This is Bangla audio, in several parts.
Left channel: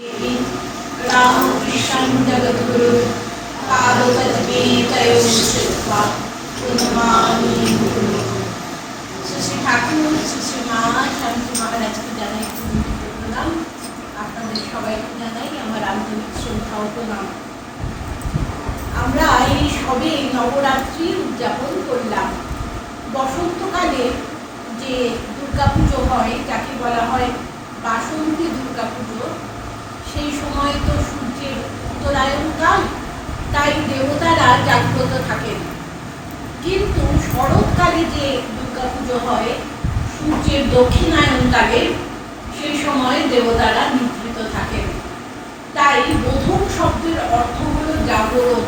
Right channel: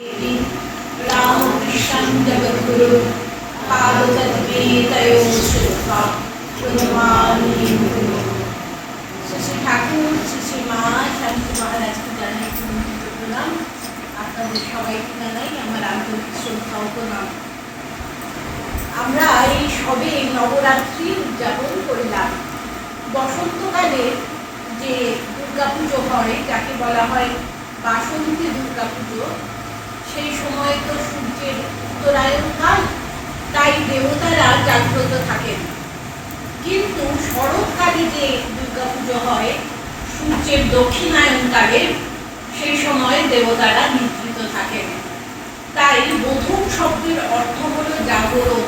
रामकृष्ण जगद्गुरु पादतद्गीतयो शिल्पा प्रणमामि गुरु। শ্রী ঠাকুর শ্রী মা শান্তি মহারাজকে জানাই প্রণাম। আপনাদের সবাইকে জানাই আমার আন্তরিক শ্রদ্ধা ও প্রণাম। আমরা এই সবে নবরাত্রি উদযাপন করলাম। বসন্তকালে যে দুর্গাপুজো হয়, যাকে বলা হয় বাসন্তী দুর্গাপুজো, সেই সময় তো সূর্যের উত্তরায়ণ কাল, তাই দেবতারা জাগ্রত থাকেন। কিন্তু শরৎকালে যে দুর্গাপুজো হয় সূর্যের দক্ষিণায়ন কালে, সেই সময় দেবতারা নিদ্রিত থাকেন। তাই বোধন শব্দের অর্থ হলো জাগরণ।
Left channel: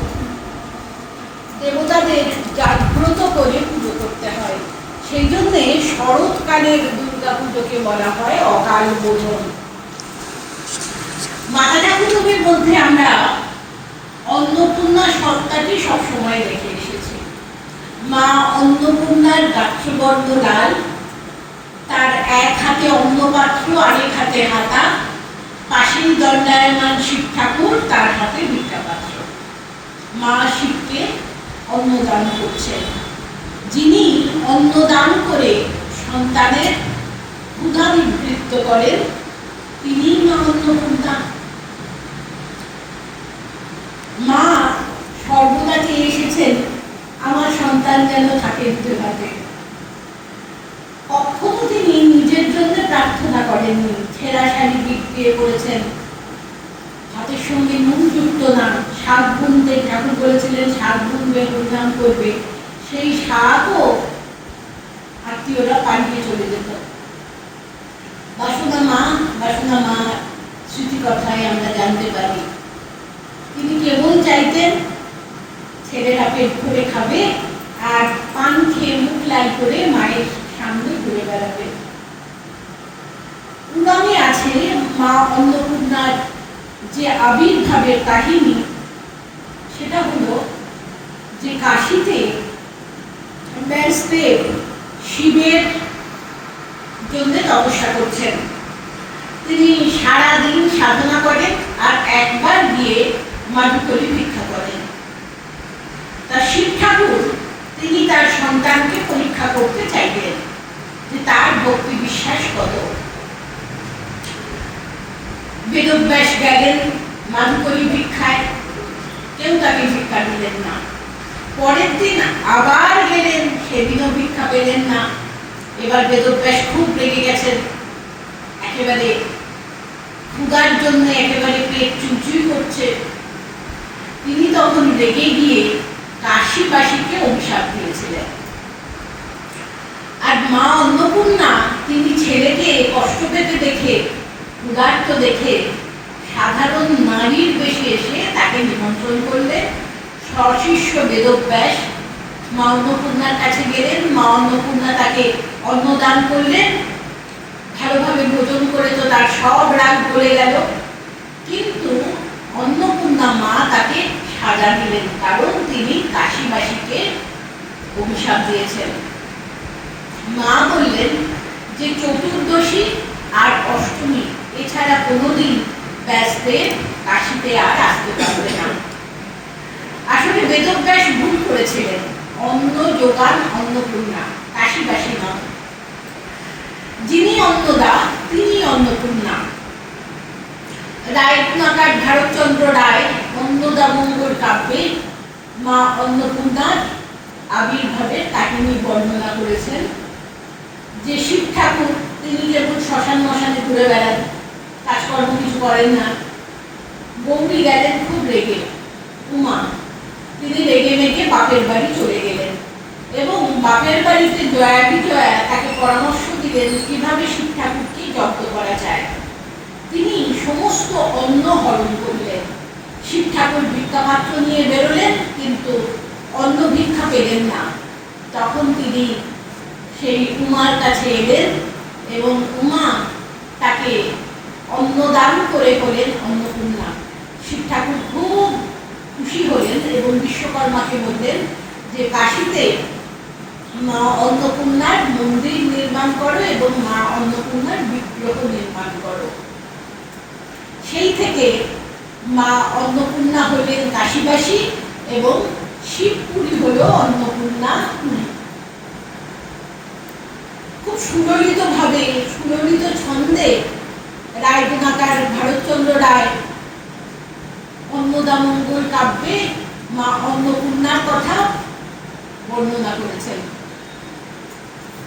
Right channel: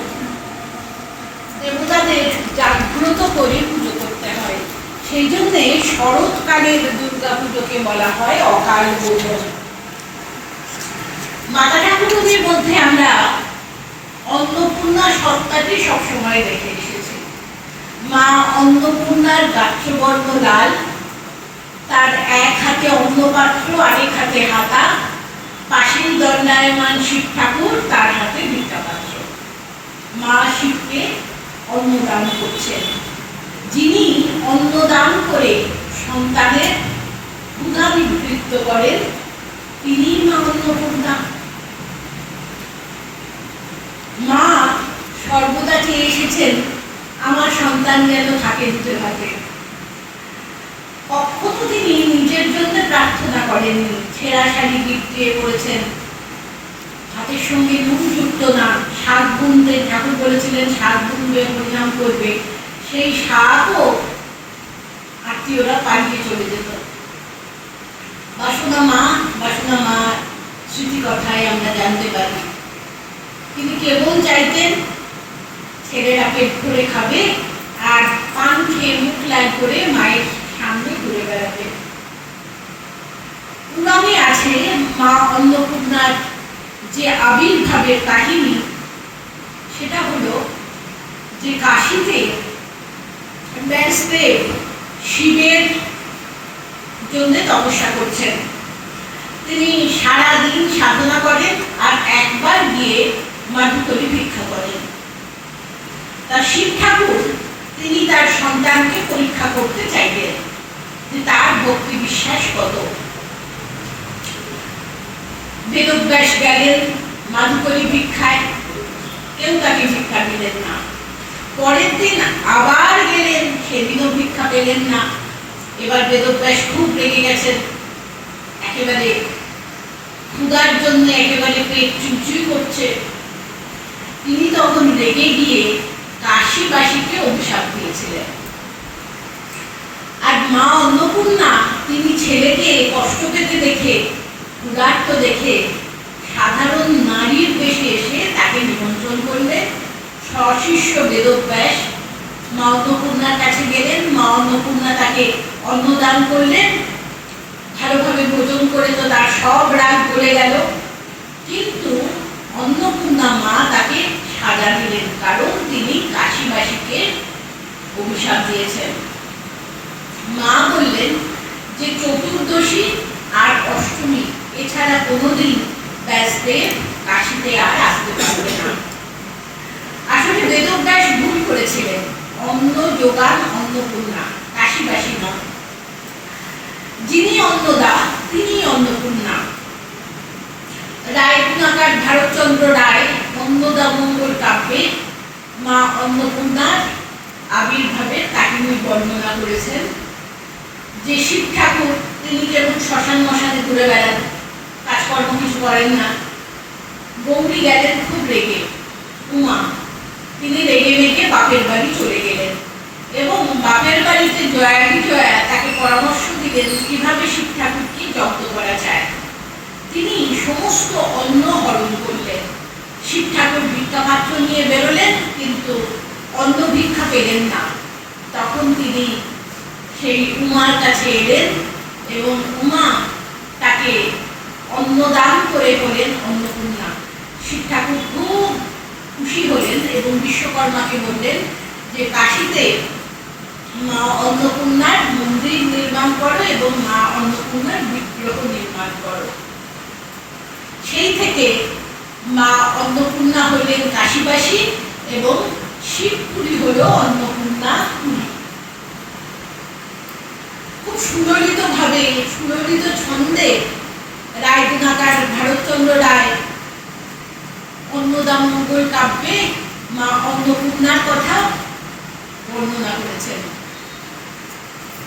দেবতাদের জাগ্রত করে পুজো করতে হয়। সেই জন্যে শরৎকালের দুর্গাপুজোকে বলা হয় অকাল বোধন। মাতা ঠাকুরদের মধ্যে আমরা অন্নপূর্ণা সত্তাটি সবসময় দেখে এসেছি। মা অন্নপূর্ণার গাত্রবর্ণ লাল, তার এক হাতে অন্নপাত্র, আরেক হাতে হাতা, পাশেই দণ্ডায়মান শিব ঠাকুর, তার হাতে ভিক্ষাপাত্র। মা শিবকে অন্নদান করছেন। যিনি অন্নদান করে সন্তানের ক্ষুধা নিবৃত্ত করেন, তিনি মা অন্নপূর্ণা। মা সর্বদা চেয়ে এসেছেন আমার সন্তান যেন থাকে দুধে ভাতে। কখনো তিনি নিজের জন্য প্রার্থনা করেননি। ছেঁড়া শাড়ি দিয়ে পড়েছেন, হাতের সঙ্গে নুন যুক্ত না, শাক বুনতে ঠাকুর বলেছিলেন শাক বুনবে, পরিণাম করবে। সেই শাকও আত্মীয়রা পালিয়ে চলে যেত। বাসনা মা স্মৃতি কথায় আমরা জানতে পারি তিনি কেবল চাইতেন ছেলেরা পেট ভরে খাবে আর পান খেয়ে মুখ লাল করে মায়ের সামনে ঘুরে বেড়াবে। পুরাণে আছে মা অন্নপূর্ণার যে আবির্ভাবের কাহিনী, সেটা হলো যে কাশীতে ব্যাসদেব শিবের জন্য তপস্যা করছেন। তিনি সারাদিন সাধনা করেন আর একবার গিয়ে মাধুকরী ভিক্ষা করেন। তা শিব ঠাকুর তিনি তার সন্তানকে পরীক্ষা করতে চাইলেন যে তার ভক্তি বিশ্বাস কত। বেদব্যাস গেলেন মাধুকরী ভিক্ষায়, কেউ তাকে ভিক্ষা দিলেন না। পরের দিন আবার গেলেন, সেদিনও ভিক্ষা পেলেন না। এবার বেদব্যাস খুব রেগে গেছেন, একেবারে ক্ষুধার জন্য একেবারে পেট চুচুই করছে। তিনি তখন রেগে গিয়ে কাশীবাসীকে অভিশাপ দিয়েছিলেন। আর মা অন্নপূর্ণা তিনি ছেলেকে কষ্ট পেতে দেখে, ক্ষুধার্ত দেখে সাধারণ নারীর বেশে এসে তাকে নিমন্ত্রণ করলেন। সশিষ্য বেদব্যাস মা অন্নপূর্ণার কাছে গেলেন। মা অন্নপূর্ণা তাকে অন্নদান করলেন। ভালোভাবে ভোজন করে তো তার সব রাগ ভুলে গেল। কিন্তু অন্নপূর্ণা মা তাকে সাজা দিলেন, কারণ তিনি কাশীবাসীকে অভিশাপ দিয়েছেন। মা বললেন যে চতুর্দশী আর অষ্টমী এছাড়া কোনোদিন ব্যাসদেব কাশীতে আর আসতে পারবে না। আসলে বেদব্যাস ভুল করেছিলেন। অন্ন যোগান অন্নপূর্ণা, কাশীবাসী মা। যিনি অন্নদা তিনি অন্নপূর্ণা। রায়নাকার ভারতচন্দ্র রায় অন্নদা মঙ্গল কাব্যে মা অন্নপূর্ণার আবির্ভাবের কাহিনী বর্ণনা করেছেন। যে শিব ঠাকুর তিনি যেমন শ্মশান মশানে ঘুরে বেড়ান, কাজকর্ম কিছু করেন না। গৌরী গেলেন খুব রেগে, উমা তিনি রেগে মেগে বাপের বাড়ি চলে গেলেন এবং বাপের বাড়িতে জয়া বিজয়া তাকে পরামর্শ দিলেন কিভাবে শিব ঠাকুরকে জব্দ করা যায়। তিনি সমস্ত অন্ন হরণ করলেন। শিব ঠাকুর ভিক্ষাপাত্র নিয়ে বেরোলেন, কিন্তু অন্ন ভিক্ষা পেলেন না। তখন তিনি সেই উমার কাছে এলেন এবং উমা তাকে অন্নদান করে বলেন অন্নপূর্ণা। শিব ঠাকুর খুব খুশি হলেন এবং বিশ্বকর্মাকে বললেন যে কাশীতে মা অন্নপূর্ণার মন্দির নির্মাণ করো এবং মা অন্নপূর্ণার বিগ্রহ নির্মাণ করো। সেই থেকে মা অন্নপূর্ণা হলেন কাশীবাসী এবং শিবপুরী হল অন্নপূর্ণা পুরী। খুব সুললিতভাবে, সুললিত ছন্দে রায়গুণাকার ভারতচন্দ্র রায় অন্নদামঙ্গল কাব্যে মা অন্নপূর্ণার কথা বর্ণনা করেছেন।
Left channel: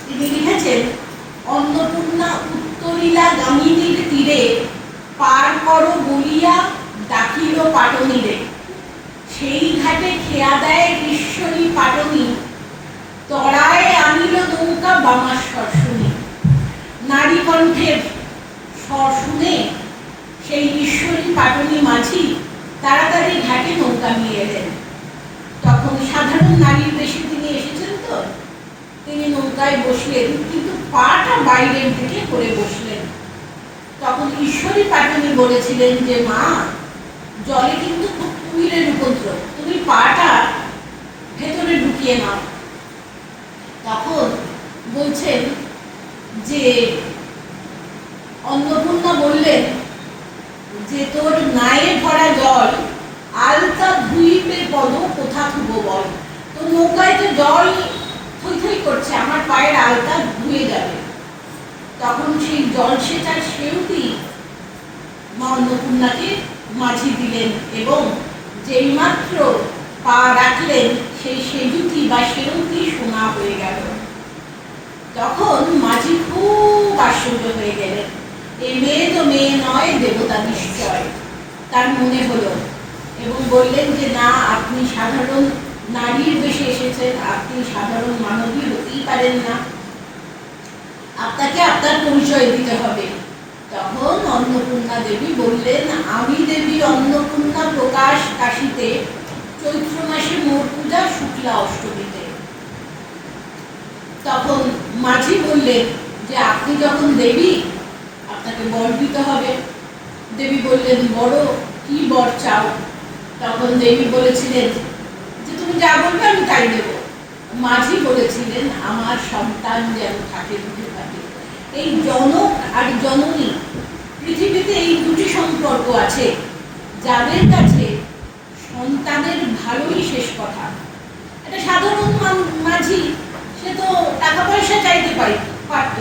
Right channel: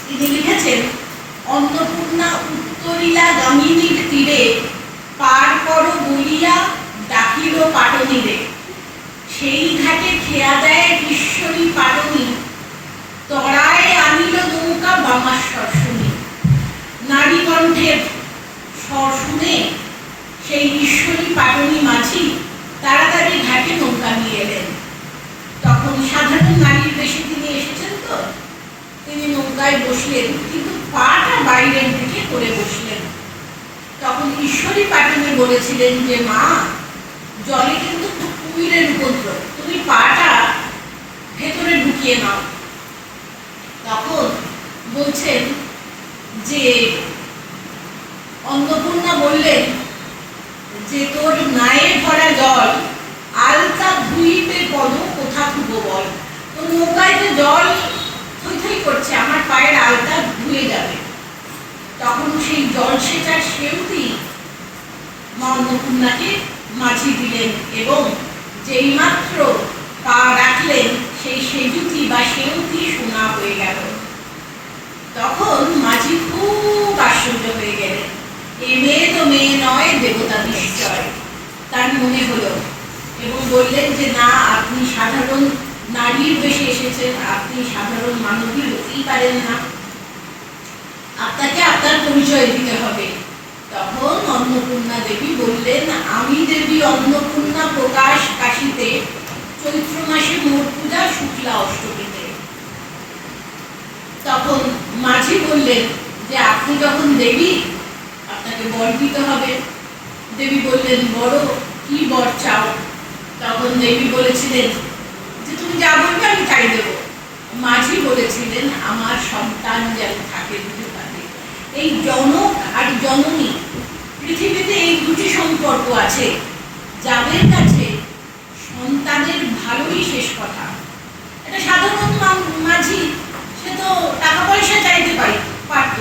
তিনি লিখেছেন, অন্নপূর্ণা উত্তরীলা গামিনীর তীরে পার করো বলিয়া ডাকিল পাটনীরে, সেই ঘাটে খেয়া দেয় ঈশ্বরী পাটনী, তরায় আনিল নৌকা বামাস্বর শুনি। নারী কণ্ঠের স্বর শুনে সেই ঈশ্বরী পাটনী মাঝি তাড়াতাড়ি ঘাটে নৌকা নিয়ে এলেন। তখন সাধারণ নারীর বেশে তিনি এসেছেন, তো তিনি নৌকায় বসলেন, কিন্তু পাটা বাইরের দিকে করে বসলেন। তখন ঈশ্বরী পাটনী বলেছিলেন যে, মা, জলে কিন্তু খুব কুমিরের উপদ্রব, তুমি পাটা ভেতরে ঢুকিয়ে নাও। তখন বলছেন যে অন্নপূর্ণা বললেন যে, তোর নায়ে ভরা জল আলতা ধুইবে পদ কোথা থুব বল। তোর নৌকায় যে জল থই থই করছে, আমার পায়ের আলতা ধুয়ে যাবে। তখন সেই জল সেচার সেউটি মা অন্নপূর্ণাকে মাঝি দিলেন এবং যেই মাত্র পা রাখলেন সেই সেজুতি বা সেউটি সোনা হয়ে গেল। তখন মাঝি খুব আশ্চর্য হয়ে গেলেন, এই মেয়ে তো মেয়ে নয়, দেবতা নিশ্চয়, তার মনে হলো, এবং বললেন যে, না, আপনি সাধারণ নারীর বেশে এসেছেন, আপনি সাধারণ মানবী হতেই পারেন না, আপনাকে আপনার পরিচয় দিতে হবে। তখন অন্নপূর্ণা দেবী বললেন, আমি দেবী অন্নপূর্ণা, প্রকাশ কাশীতে, চৈত্র মাসে মোর পূজা শুক্লা অষ্টমীতে। তখন মাঝি বললেন যে, আপনি যখন দেবী, আপনাকে বর দিতে হবে। দেবী বললেন, বড় কি বর চাও? তখন দেবী বলেছিলেন যে, তুমি যা বলবে আমি তাই দেব। মাঝি বলেছিলেন, আমার সন্তান যেন থাকে দুটো পাতে। এই জনক আর জননী, পৃথিবীতে এই দুটি সম্পর্ক আছে যাদের কাছে সন্তানের ভালোই শেষ কথা। এটা সাধারণ মাঝি, সে তো টাকা পয়সা চাইতে পারত।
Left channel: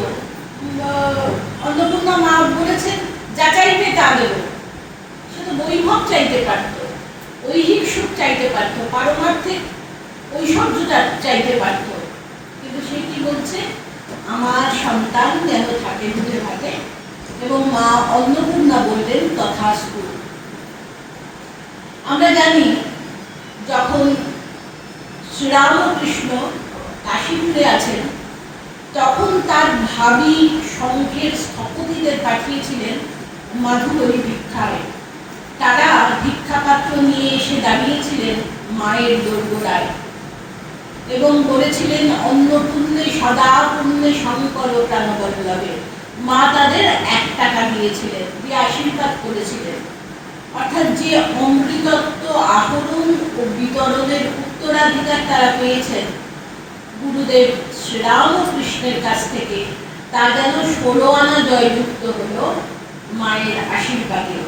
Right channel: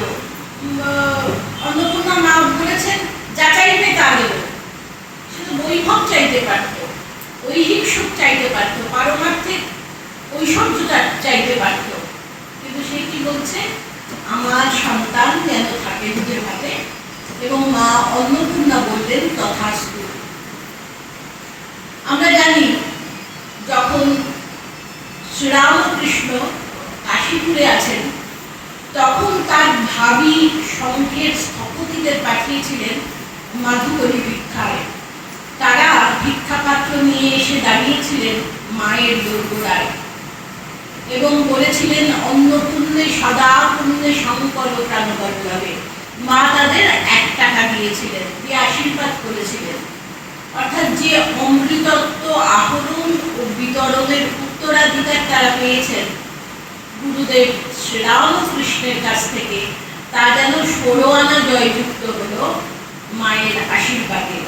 অন্নপূর্ণা মা বলেছেন, যা চাইবে তা দেব। সে তো বৈভব চাইতে পারত, ঐহিক সুখ চাইতে পারত, পারমার্থিক ঐশ্বর্যতা চাইতে পারত, কিন্তু সে কি বলছে, আমার সন্তান যেন থাকে দুধের ভাতে। এবং মা অন্নপূর্ণা বললেন, তথাস্তু। আমরা জানি, যখন শ্রীরামকৃষ্ণ কাশীপুরে আছেন, তখন তার ভাবি সংঘের স্থপতিদের পাঠিয়েছিলেন মাধুকরী ভিক্ষায়। তারা ভিক্ষাপাত্র নিয়ে এসে দাঁড়িয়েছিলেন মায়ের দোরগোড়ায় এবং বলেছিলেন, অন্নপূর্ণে সদা পুণ্যে শঙ্কর প্রাণবল্লভে। মা তাদের 1 টাকা দিয়েছিলেন, দিয়ে আশীর্বাদ করেছিলেন। অর্থাৎ যে অমৃতত্ব আহরণ ও বিতরণের উত্তরাধিকার তারা পেয়েছেন গুরুদেব শ্রীরামকৃষ্ণের কাছ থেকে, তা যেন 16 আনা জয়যুক্ত হলো মায়ের আশীর্বাদে।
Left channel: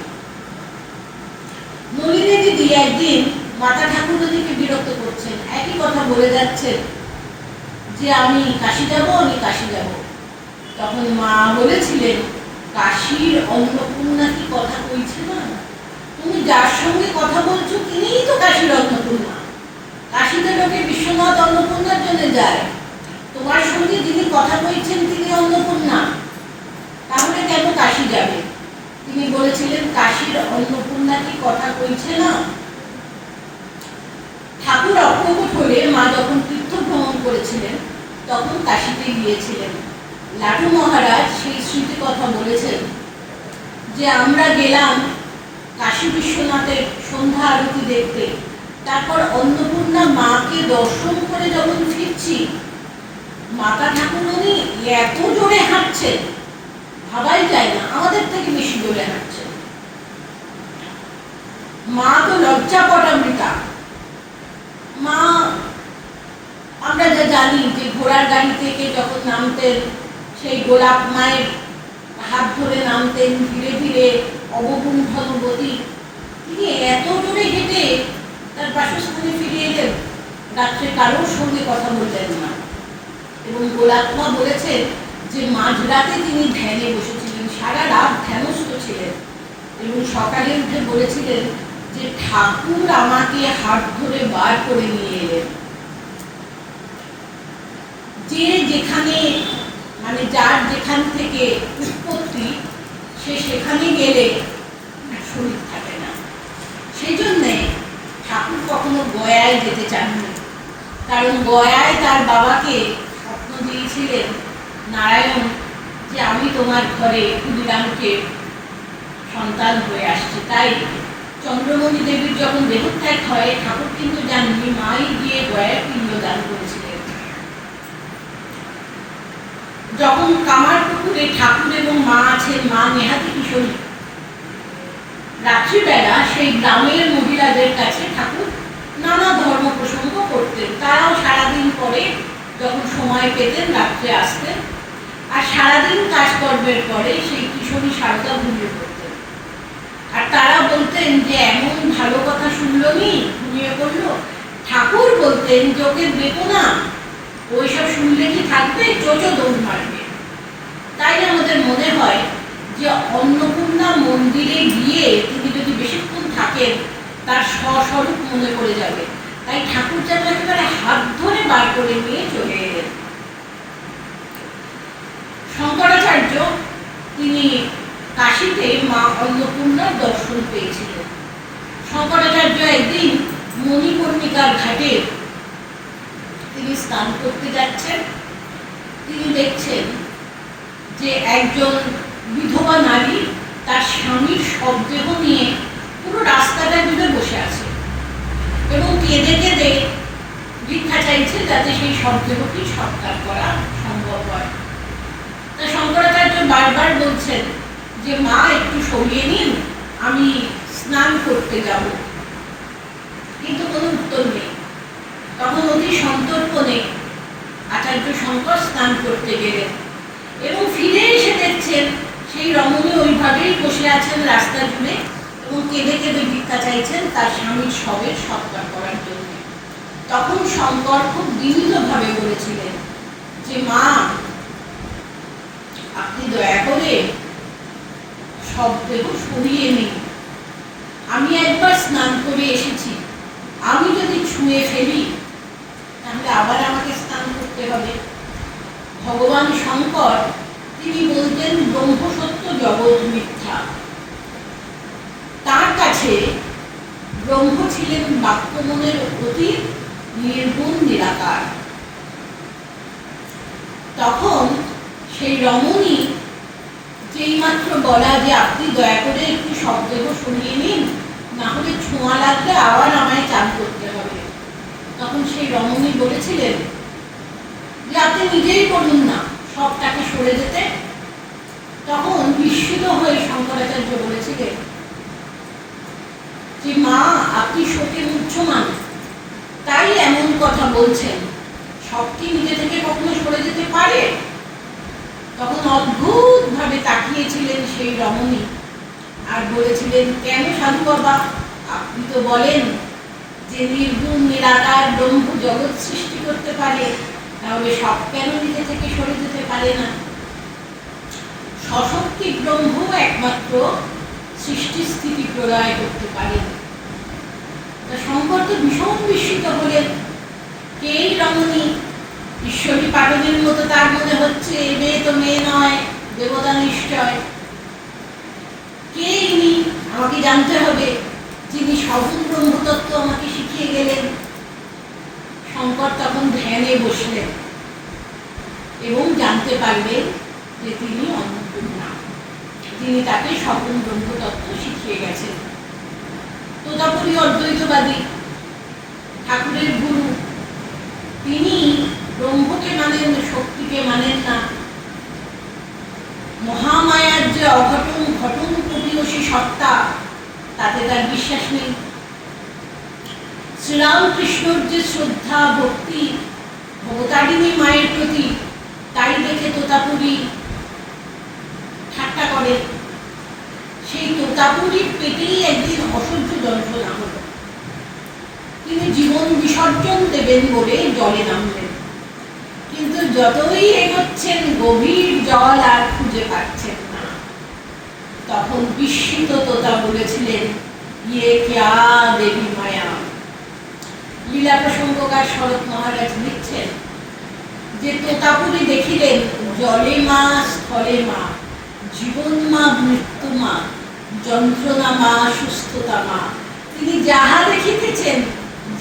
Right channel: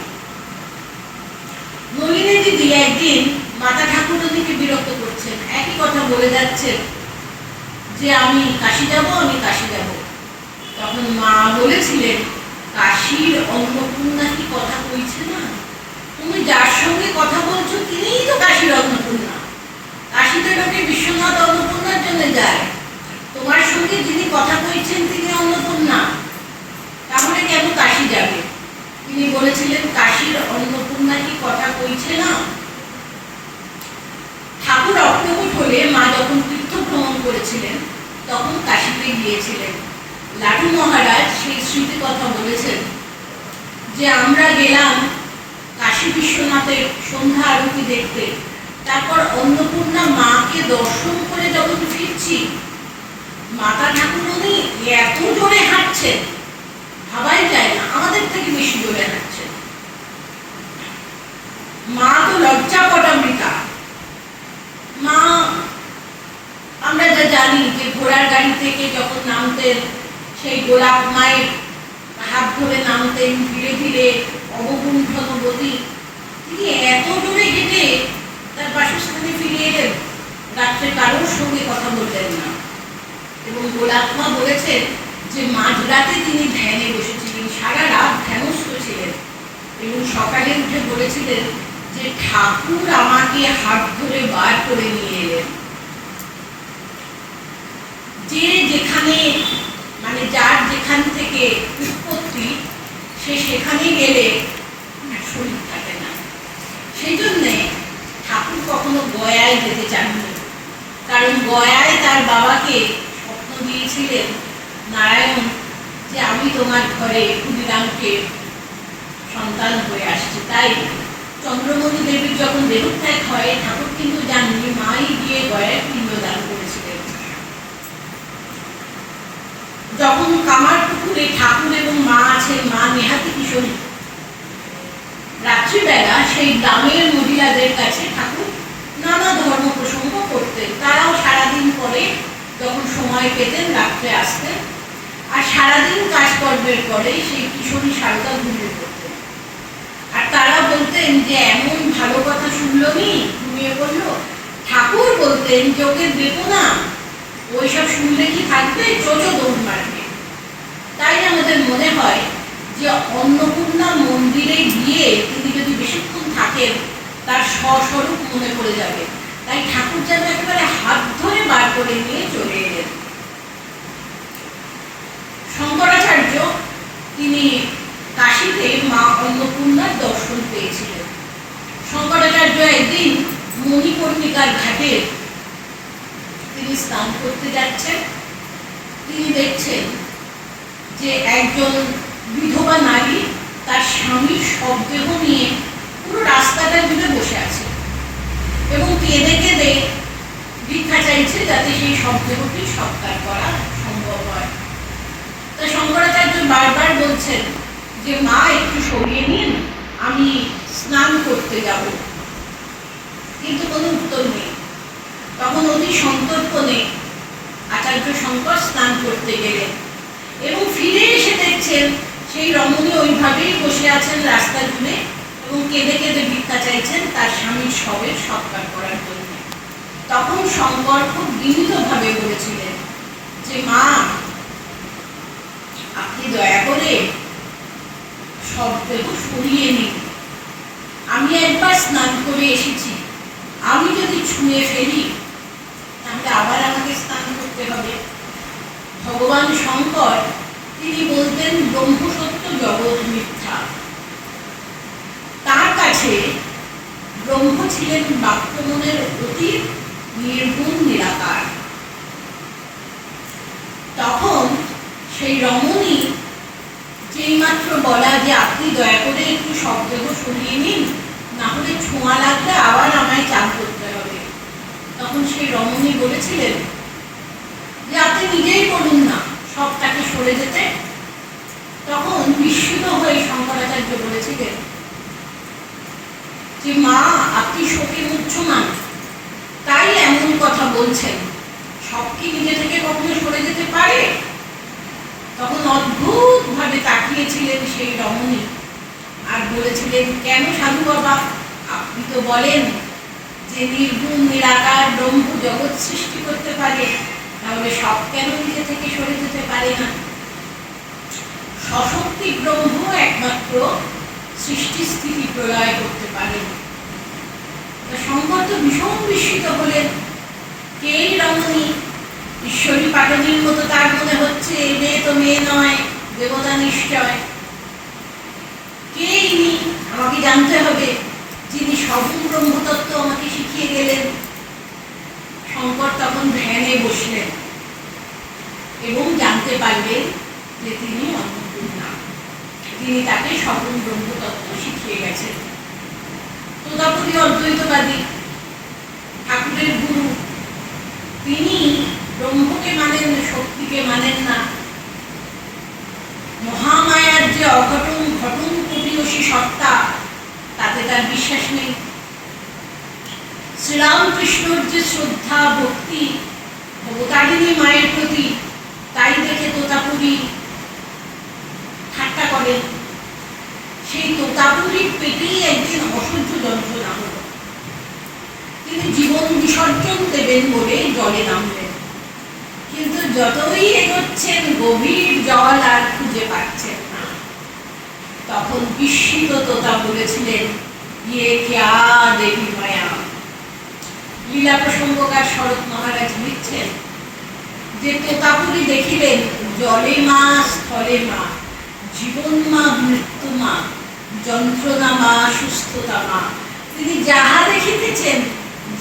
নলিনী দিদি একদিন মাতা ঠাকুরকে বিরক্ত করছেন, একই কথা বলে যাচ্ছেন যে, আমি কাশী যাব, আমি কাশী যাব। তখন মা বলেছিলেন, কাশীর অন্নপূর্ণা কি কথা কইছে না? তুমি যার সঙ্গে কথা বলছো তিনিই তো কাশীর অন্নপূর্ণা। কাশীতে লোকে বিশ্বনাথ অন্নপূর্ণার জন্য যায়, তোমার সঙ্গে যিনি কথা কইছেন তিনি অন্নপূর্ণা, তাহলে কেন কাশী যাবে? তিনি বলেছিলেন, কাশীর অন্নপূর্ণা কি কথা কইছে না? ঠাকুর অপ্রকট হলে মা যখন তীর্থ ভ্রমণ করেছিলেন তখন কাশীতে গিয়েছিলেন। লাটু মহারাজ সেই স্মৃতি কথা বলেছেন যে, আমরা গেলাম কাশী বিশ্বনাথের সন্ধ্যা আরতি দেখতে, তারপর অন্নপূর্ণা মাকে দর্শন করে যখন ফিরছি, মাতা ঠাকুরুনি এত জোরে হাঁটছেন, ভাবাই যায় না, আমাদের থেকে বেশি জোরে হাঁটছেন। মা তো লজ্জাপটামৃতা। মা, আমরা যা জানি যে ঘোড়ার গাড়ি থেকে যখন নামতেন, সেই গোলাপ মায়ের হাত ধরে নামতেন, ধীরে ধীরে অবগুণ্ঠনবতী, তিনি এত জোরে হেঁটে তার বাসস্থানে ফিরে এলেন, রাত্রে কারোর সঙ্গে কথা বললেন না। এবং গোলাপমা বলেছেন যে মাঝরাতে তিনি ধ্যানে বসেছিলেন, সারা রাত ধ্যানস্থ ছিলেন, এবং সকালে উঠে বলেছিলেন যে ঠাকুর আমাকে হাত ধরে বার করে নিয়ে এলেন। যে যেখানে মানে যার যেখান থেকে উৎপত্তি, সে সেখানে গেলে শরীর থাকে না। সেই জন্যে ঠাকুর কখনো গয়ায় যেতে চাননি, কারণ গয়ায় তার বাবাকে স্বপ্ন দিয়েছিলেন নারায়ণ যে আমি তোমার ঘরে ক্ষুদিরামকে সন্তান হয়ে আসছি। তাই চন্দ্রমণি দেবীর যখন দেহত্যাগ হয়, ঠাকুর কিন্তু জাননি, মাই গিয়ে গয়ায় পিণ্ডদান করেছিলেন। যখন কামারপুকুরে ঠাকুর এবং মা আছেন, মা নেহাতি কিশোরী, রাত্রিবেলা সেই গ্রামের মহিলাদের কাছে ঠাকুর নানা ধর্ম প্রসঙ্গ করতেন। তারাও সারাদিন পরে যখন সময় পেতেন রাত্রে আসতেন, আর সারাদিন কাজকর্মের পরে সেই কিশোরী সারদা ঘুমিয়ে পড়তেন। আর তারা বলতেন যে এমন ভালো কথা শুনলো নি, ঘুমিয়ে পড়লো। ঠাকুর বলতেন যে ওকে দেবো না, ওইসব শুনলে কি থাকবে, চোচো দৌড় মারবে। তাই আমাদের মনে হয় যে অন্নপূর্ণা মন্দিরে গিয়ে তিনি যদি বেশিক্ষণ থাকেন, তার স্বস্বরূপ মনে পড়ে যাবে। তাই ঠাকুর যেন একেবারে হাত ধরে বার করে নিয়ে চলে এলেন। শঙ্করাচার্য তিনি কাশীতে মা অন্নপূর্ণার দর্শন পেয়েছিলেন। শঙ্করাচার্য একদিন মণিকর্ণিকার ঘাটে তিনি স্নান করতে যাচ্ছেন। তিনি দেখছেন যে একজন বিধবা নারী তার স্বামীর শবদেহ নিয়ে পুরো রাস্তাটা জুড়ে বসে আছে এবং কেঁদে কেঁদে ভিক্ষা চাইছে যাতে সেই শবদেহটি সৎকার করা সম্ভব হয়। তো শঙ্করাচার্য বারবার বলছেন যে মা একটু সরিয়ে নিন, আমি স্নান করতে যাব, কিন্তু কোনো উত্তর নেই। তখন অতি সন্তর্পণে আচার্য শঙ্কর স্নান করতে গেলেন এবং ফিরে এসে দেখছেন সেই রমণী ওইভাবেই বসে আছেন রাস্তা জুড়ে এবং কেঁদে কেঁদে ভিক্ষা চাইছেন তার স্বামীর শবের সৎকার করার জন্য। তখন শঙ্কর খুব বিনীতভাবে বলেছিলেন যে মা, আপনি দয়া করে শবদেহ সরিয়ে নিন, আমি একবার স্নান করে এসেছি, আমি যদি ছুঁয়ে ফেলি তাহলে আবার আমাকে স্নান করতে হবে। ভগবান শঙ্কর তিনি বলতেন ব্রহ্ম সত্য, জগৎ মিথ্যা। তার কাছে ব্রহ্ম ছিলেন বাক্যমনের অতীত, নির্গুণ, নিরাকার। তখন সেই রমণী যেই মাত্র বলা যে আপনি দয়া করে একটু শবদেহ সরিয়ে নিন, না হলে ছোঁয়া লাগলে আবার আমায় চান করতে হবে, তখন সেই রমণী বলেছিলেন যে আপনি নিজেই বলুন না সবটাকে সরে যেতে। তখন বিস্মিত হয়ে শঙ্করাচার্য বলেছিলেন যে মা, আপনি শোকে মুহ্যমান, তাই এমন কথা বলছেন, সব কি নিজে থেকে কখনো সরে যেতে পারে? তখন অদ্ভুত ভাবে তাকিয়েছিলেন সেই রমণী আর বলেছিলেন, কেন সাধু বাবা, আপনি তো বলেন যে নির্গুণ নিরাকার ব্রহ্ম জগৎ সৃষ্টি করতে পারে, তাহলে সব কেন নিজে থেকে সরে যেতে পারে না? সশক্তি ব্রহ্ম একমাত্র সৃষ্টি স্থিতি প্রলয় করতে পারেন। শঙ্কর তো ভীষণ বিস্মিত হলেন, কে রমণী? ঈশ্বরী পাটনের মতো তার মনে হচ্ছে, এ মেয়ে তো মেয়ে নয়, দেবতা নিশ্চয়। কে ইনি? আমাকে জানতে হবে, যিনি সগুণ ব্রহ্মতত্ত্ব আমাকে শিখিয়ে গেলেন। শঙ্কর তখন ধ্যানে বসলেন এবং জানতে পারলেন যে তিনি অন্নপূর্ণা, তিনি তাকে সগুণ ব্রহ্মতত্ত্ব শিখিয়ে গেছেন। তোতাপুরী অদ্বৈতবাদী, ঠাকুরের গুরু, তিনি ব্রহ্মকে মানেন, শক্তিকে মানেন না। মহামায়ার যে অঘটন ঘটন প্রতিবেশী সত্তা, তাতে তার বিশ্বাস নেই। শ্রীরামকৃষ্ণর যে শ্রদ্ধা ভক্তি ভবতারিণী মায়ের প্রতি, তাই দেখে তোতাপুরী ঠাট্টা করেন। সেই তোতা তোতাপুরীর পেটেই একদিন অসহ্য যন্ত্রণা হলো। তিনি জীবন বিসর্জন দেবেন বলে জলে নামলেন, কিন্তু যতই এগোচ্ছেন গভীর জল আর খুঁজে পাচ্ছেন না। তখন বিস্মিত তোতা বলেছিলেন, ইয়ে ক্যা দেবী মায়া। লীলা প্রসঙ্গকার শরৎ মহারাজ লিখছেন যে তোতাপুরী দেখিলেন জলে মা, স্থলে মা, জীবন মা, মৃত্যু মা, যন্ত্রণা মা, সুস্থতা মা। তিনি যাহা দেখিতেছেন,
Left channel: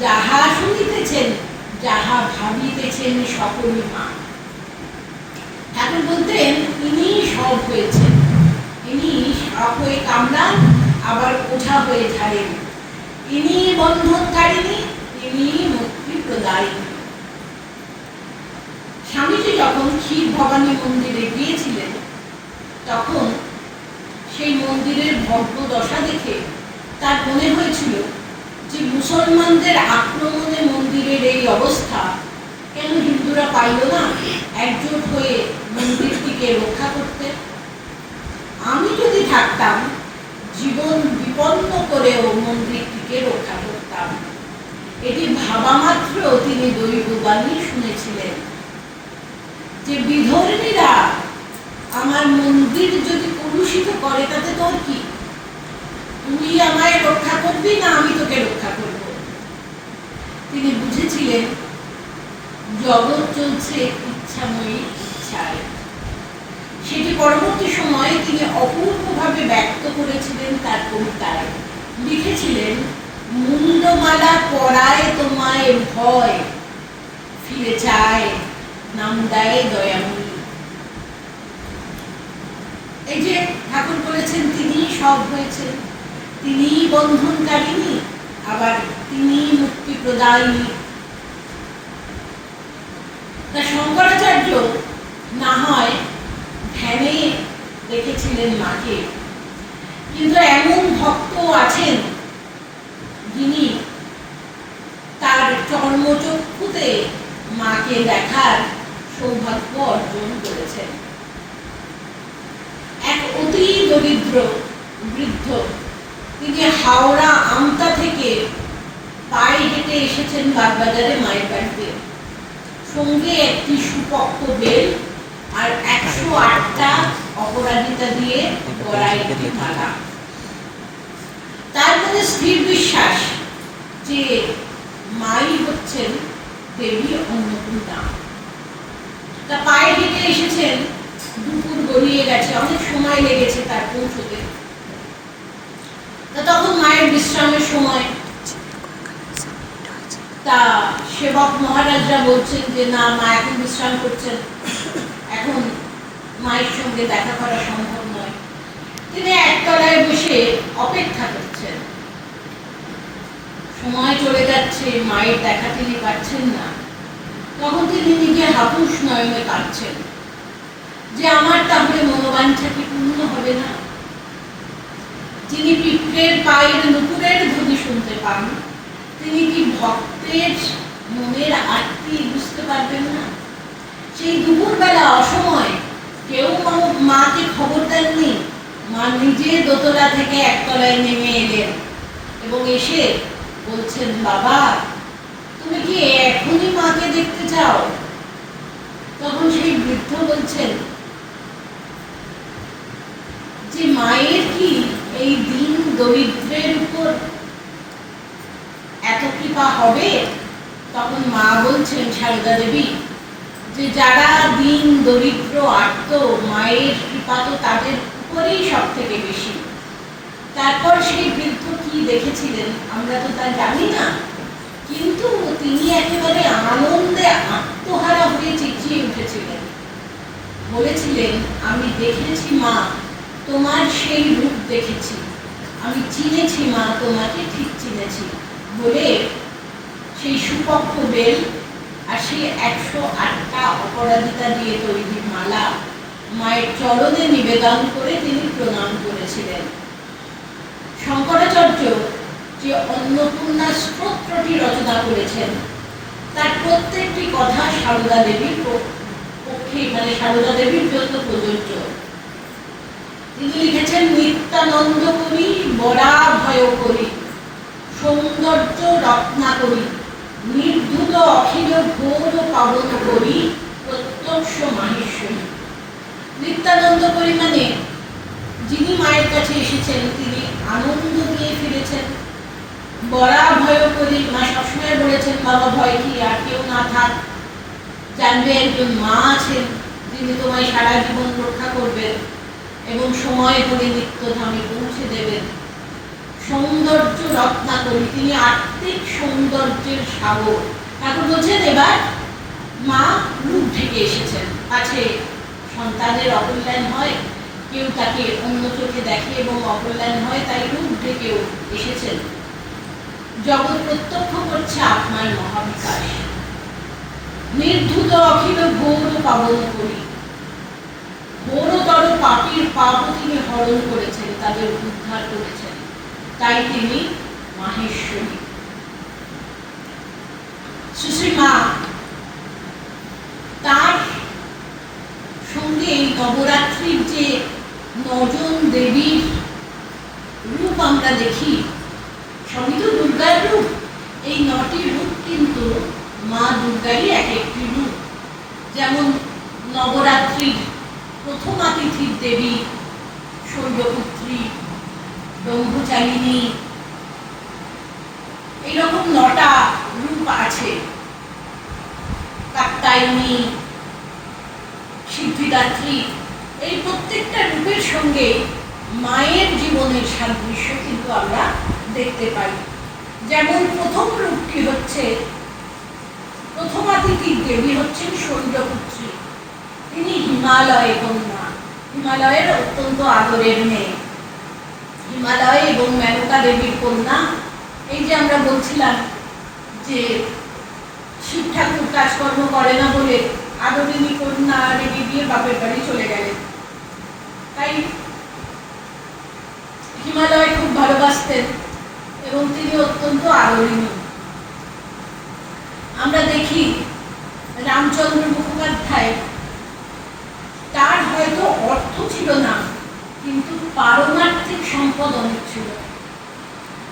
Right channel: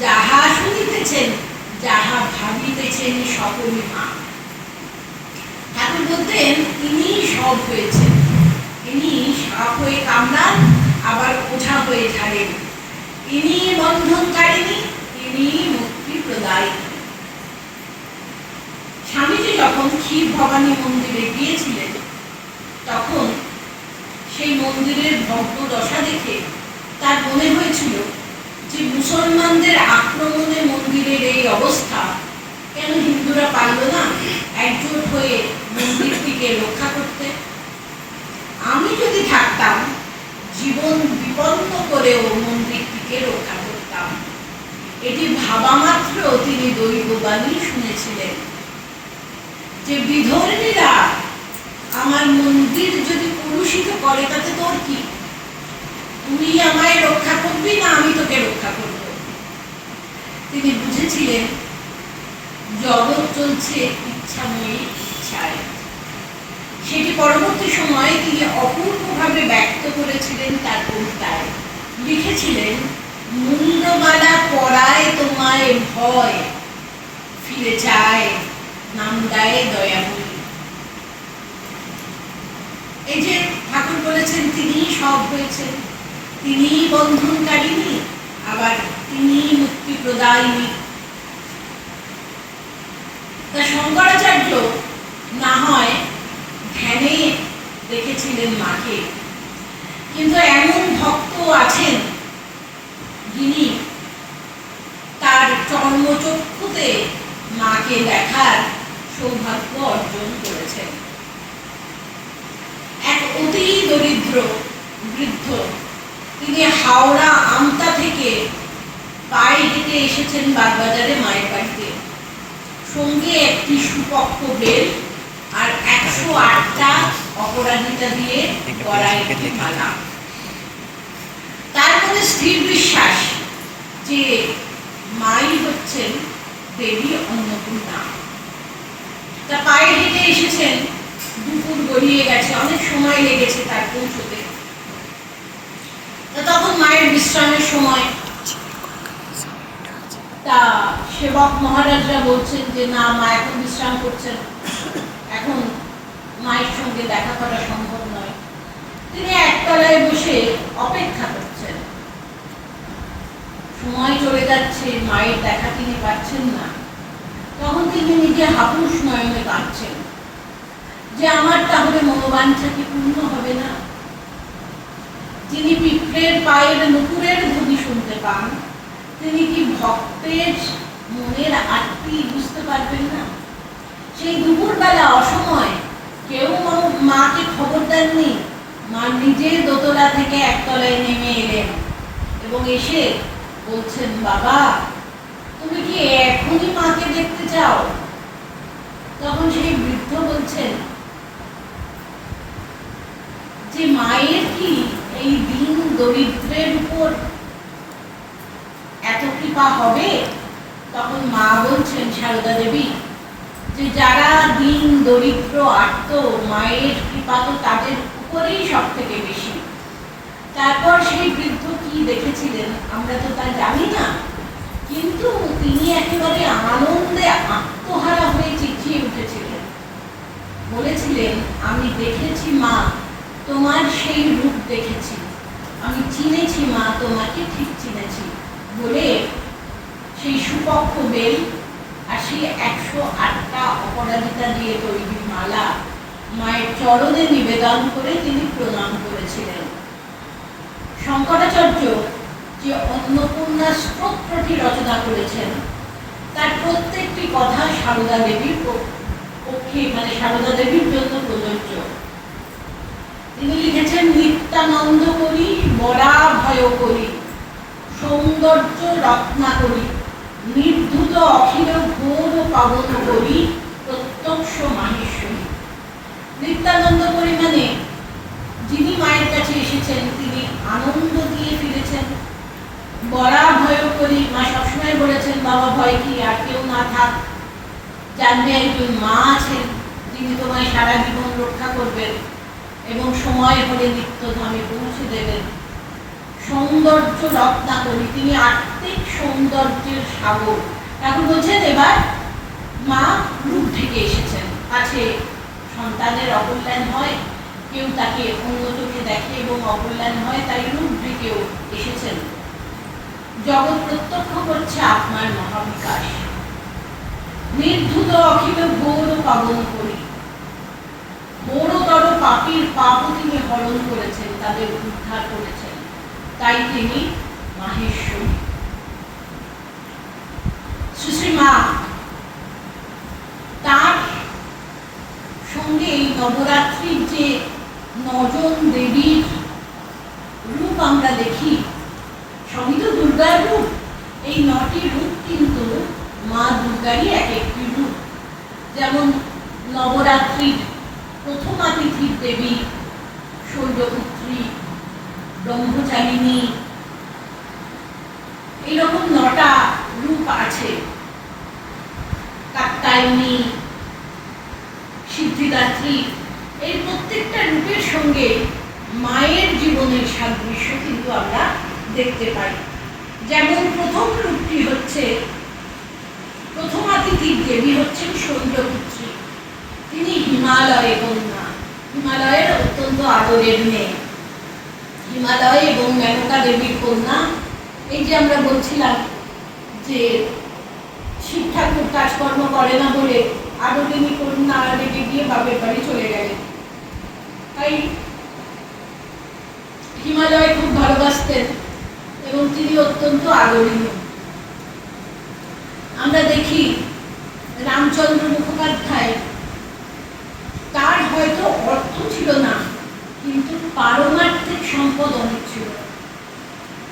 যাহা শুনিতেছেন, যাহা ভাবিতেছেন, সকলই মা। ঠাকুর বলতেন তিনি সব হয়েছেন। তিনি সাপ হয়ে কামড়ান, আবার ওঝা হয়ে ঝাড়েন। তিনি বন্ধনকারিণী, তিনি মুক্তি প্রদায়িনী। স্বামীজি যখন ক্ষীর ভবানী মন্দিরে গিয়েছিলেন, তখন সেই মন্দিরের ভগ্ন দশা দেখে তার মনে হয়েছিল যে মুসলমানদের আক্রমণে মন্দিরের এই অবস্থা, কেন হিন্দুরা পারল না একজোট হয়ে মন্দিরটিকে রক্ষা করতে? আমি যদি থাকতাম, জীবন বিপন্ন করেও মন্দিরটিকে রক্ষা করতাম। এটি ভাবা মাত্র তিনি দৈববাণী শুনেছিলেন যে বিধর্মীরা আমার মন্দির যদি কলুষিত করে তাতে তোর কি? তুই আমায় রক্ষা করবি না আমি তোকে রক্ষা করব? তিনি বুঝেছিলেন জগৎ চলছে ইচ্ছাময়ী ইচ্ছায়। সেটি পরবর্তী সময়ে তিনি অপূর্বভাবে ব্যক্ত করেছিলেন তার কবিতায়। লিখেছিলেন, মুন্ডমালা পরায় তোমায় ভয়, ফিরে চায় নাম দেয় দয়াময়ী। এই যে ঠাকুর বলেছেন তিনি সব হয়েছেন, তিনি বন্ধনকারিণী, আবার তিনি মুক্তি প্রদায়িনী। তা শঙ্করাচার্য না হয় ধ্যানে দেখেছিলেন মাকে, কিন্তু এমন ভক্ত আছেন যিনি তার চর্মচক্ষুতে মাকে দেখার সৌভাগ্য অর্জন করেছেন। এক অতি দরিদ্র বৃদ্ধ, তিনি হাওড়া আমতা থেকে পায়ে হেঁটে এসেছেন বাগবাজারে মায়ের বাড়িতে। সঙ্গে একটি সুপক্ষ বেল আর 108টা অপরাজিতা দিয়ে গড়ায় একটি মালা। তার মধ্যে স্থির বিশ্বাস যে মাই হচ্ছেন দেবী অন্নপূর্ণা। তা পায়ে হেঁটে এসেছেন, দুপুর গড়িয়ে গেছে, অনেক সময় লেগেছে তার পৌঁছতে। তখন মায়ের বিশ্রামের সময়। তা সেবক মহারাজরা বলছেন যে না, মা এখন বিশ্রাম করছেন, এখন মায়ের সঙ্গে দেখা করা সম্ভব নয়। তিনি একতলায় বসে অপেক্ষা করছেন। সময় চলে যাচ্ছে, মায়ের দেখা তিনি পাচ্ছেন না। তখন তিনি নিজে হাপুস নয়নে কাঁদছেন যে আমার তাহলে মনোবাঞ্ছা কি পূর্ণ হবে না? যিনি পিঁপড়ের পায়ের নুপুরের ধ্বনি শুনতে পান, তিনি কি ভক্তের মনের আরতি বুঝতে পারবেন না? সেই দুপুরবেলা অসময় কেউ মাকে খবর দেননি। মা নিজে দোতলা থেকে একতলায় নেমে এলেন এবং এসে বলছেন, বাবা তুমি কি এখনই মাকে দেখতে চাও? তখন সেই বৃদ্ধ বলছেন যে মায়ের কি এই দিন দরিদ্রের উপর এত কৃপা হবে? তখন মা বলছেন, সারদা দেবী, যে যারা দিন দরিদ্র আর্ত, মায়ের কৃপা তো তাদের উপরেই সব থেকে বেশি। তারপর সেই বৃদ্ধ কি দেখেছিলেন আমরা তো তা জানি না, কিন্তু তিনি একেবারে আনন্দে আত্মহারা হয়ে চেঁচিয়ে উঠেছিলেন। বলেছিলেন, আমি দেখেছি মা, তোমার সেই রূপ দেখেছি, আমি চিনেছি মা, তোমাকে ঠিক চিনেছি বলে সেই সুপক্ষ বেল আর সেই 108টা অপরাজিতা দিয়ে তৈরি মালা মায়ের চরণে নিবেদন করে তিনি প্রণাম করেছিলেন। শঙ্করাচার্য যে অন্নপূর্ণা স্তোত্রটি রচনা করেছেন, তার প্রত্যেকটি কথা সারদা দেবীর পক্ষে, মানে সারদা দেবীর জন্য প্রযোজ্য। তিনি লিখেছেন, নিত্যানন্দ করি বরা ভয় করি, সৌন্দর্য রত্না করি, নির্ধুত অখিল ঘোর পাবন করি, প্রত্যক্ষ মাহেশ্বরী। নিত্যানন্দ করি মানে যিনি মায়ের কাছে এসেছেন তিনি আনন্দ দিয়ে ফিরেছেন। বরা ভয় করি, মা সবসময় বলেছেন বাবা ভয় কি, আর কেউ না থাক, জানবে একজন মা আছেন যিনি তোমায় সারা জীবন রক্ষা করবেন এবং সময় হলে নিত্যধামে পৌঁছে দেবেন। সৌন্দর্য রত্না করি, তিনি আত্মিক সৌন্দর্যের সাগর। এখন বলছেন এবার মা রূপ ঢেকে এসেছেন, আছে সন্তানের অকল্যাণ হয়, কেউ তাকে অন্য চোখে দেখে এবং অকল্যাণ হয়, তাই রূপ ঢেকেও এসেছেন। জগৎ প্রত্যক্ষ করছে আত্মার মহাবিকাশ। নির্ধুত অখিল ঘোর পাবন করি, ঘোরতর পাপীর পাপও তিনি হরণ করেছেন, তাদের উদ্ধার করেছেন, তাই তিনি মাহেশ্বরী। সুশ্রীমা তার সঙ্গে এই নবরাত্রির যে ৯ জন দেবীর রূপ আমরা দেখি, সবই তো দুর্গার রূপ। এই ৯টি রূপ কিন্তু মা দুর্গারই এক একটি রূপ। যেমন নবরাত্রির প্রথমা তিথির দেবী শৈলপুত্রী, ব্রহ্মচারিণী, এইরকম ৯টা রূপ আছে। কাত্যায়নী, সিদ্ধিদাত্রী, এই প্রত্যেকটা রূপের সঙ্গে মায়ের জীবনের সাদৃশ্য কিন্তু আমরা দেখতে পাই। যেমন প্রথম রূপটি হচ্ছে, প্রথমা তিথির দেবী হচ্ছেন শৈলপুত্রী। তিনি হিমালয়ে কন্যা, হিমালয়ের অত্যন্ত আদরের মেয়ে, হিমালয় এবং মেনকা দেবীর কন্যা। এই যে আমরা বলছিলাম যে শিব ঠাকুর কাজকর্ম করে না বলে আদরিনী কন্যা রেখে দিয়ে বাপের বাড়ি চলে গেলেন, তাই হিমালয় খুব ভালোবাসতেন এবং তিনি অত্যন্ত আদরণীয়। আমরা দেখি রামচন্দ্র মুখোপাধ্যায়, তার হয়তো অর্থ ছিল না কিন্তু পারমার্থিক সম্পদ অনেক ছিল।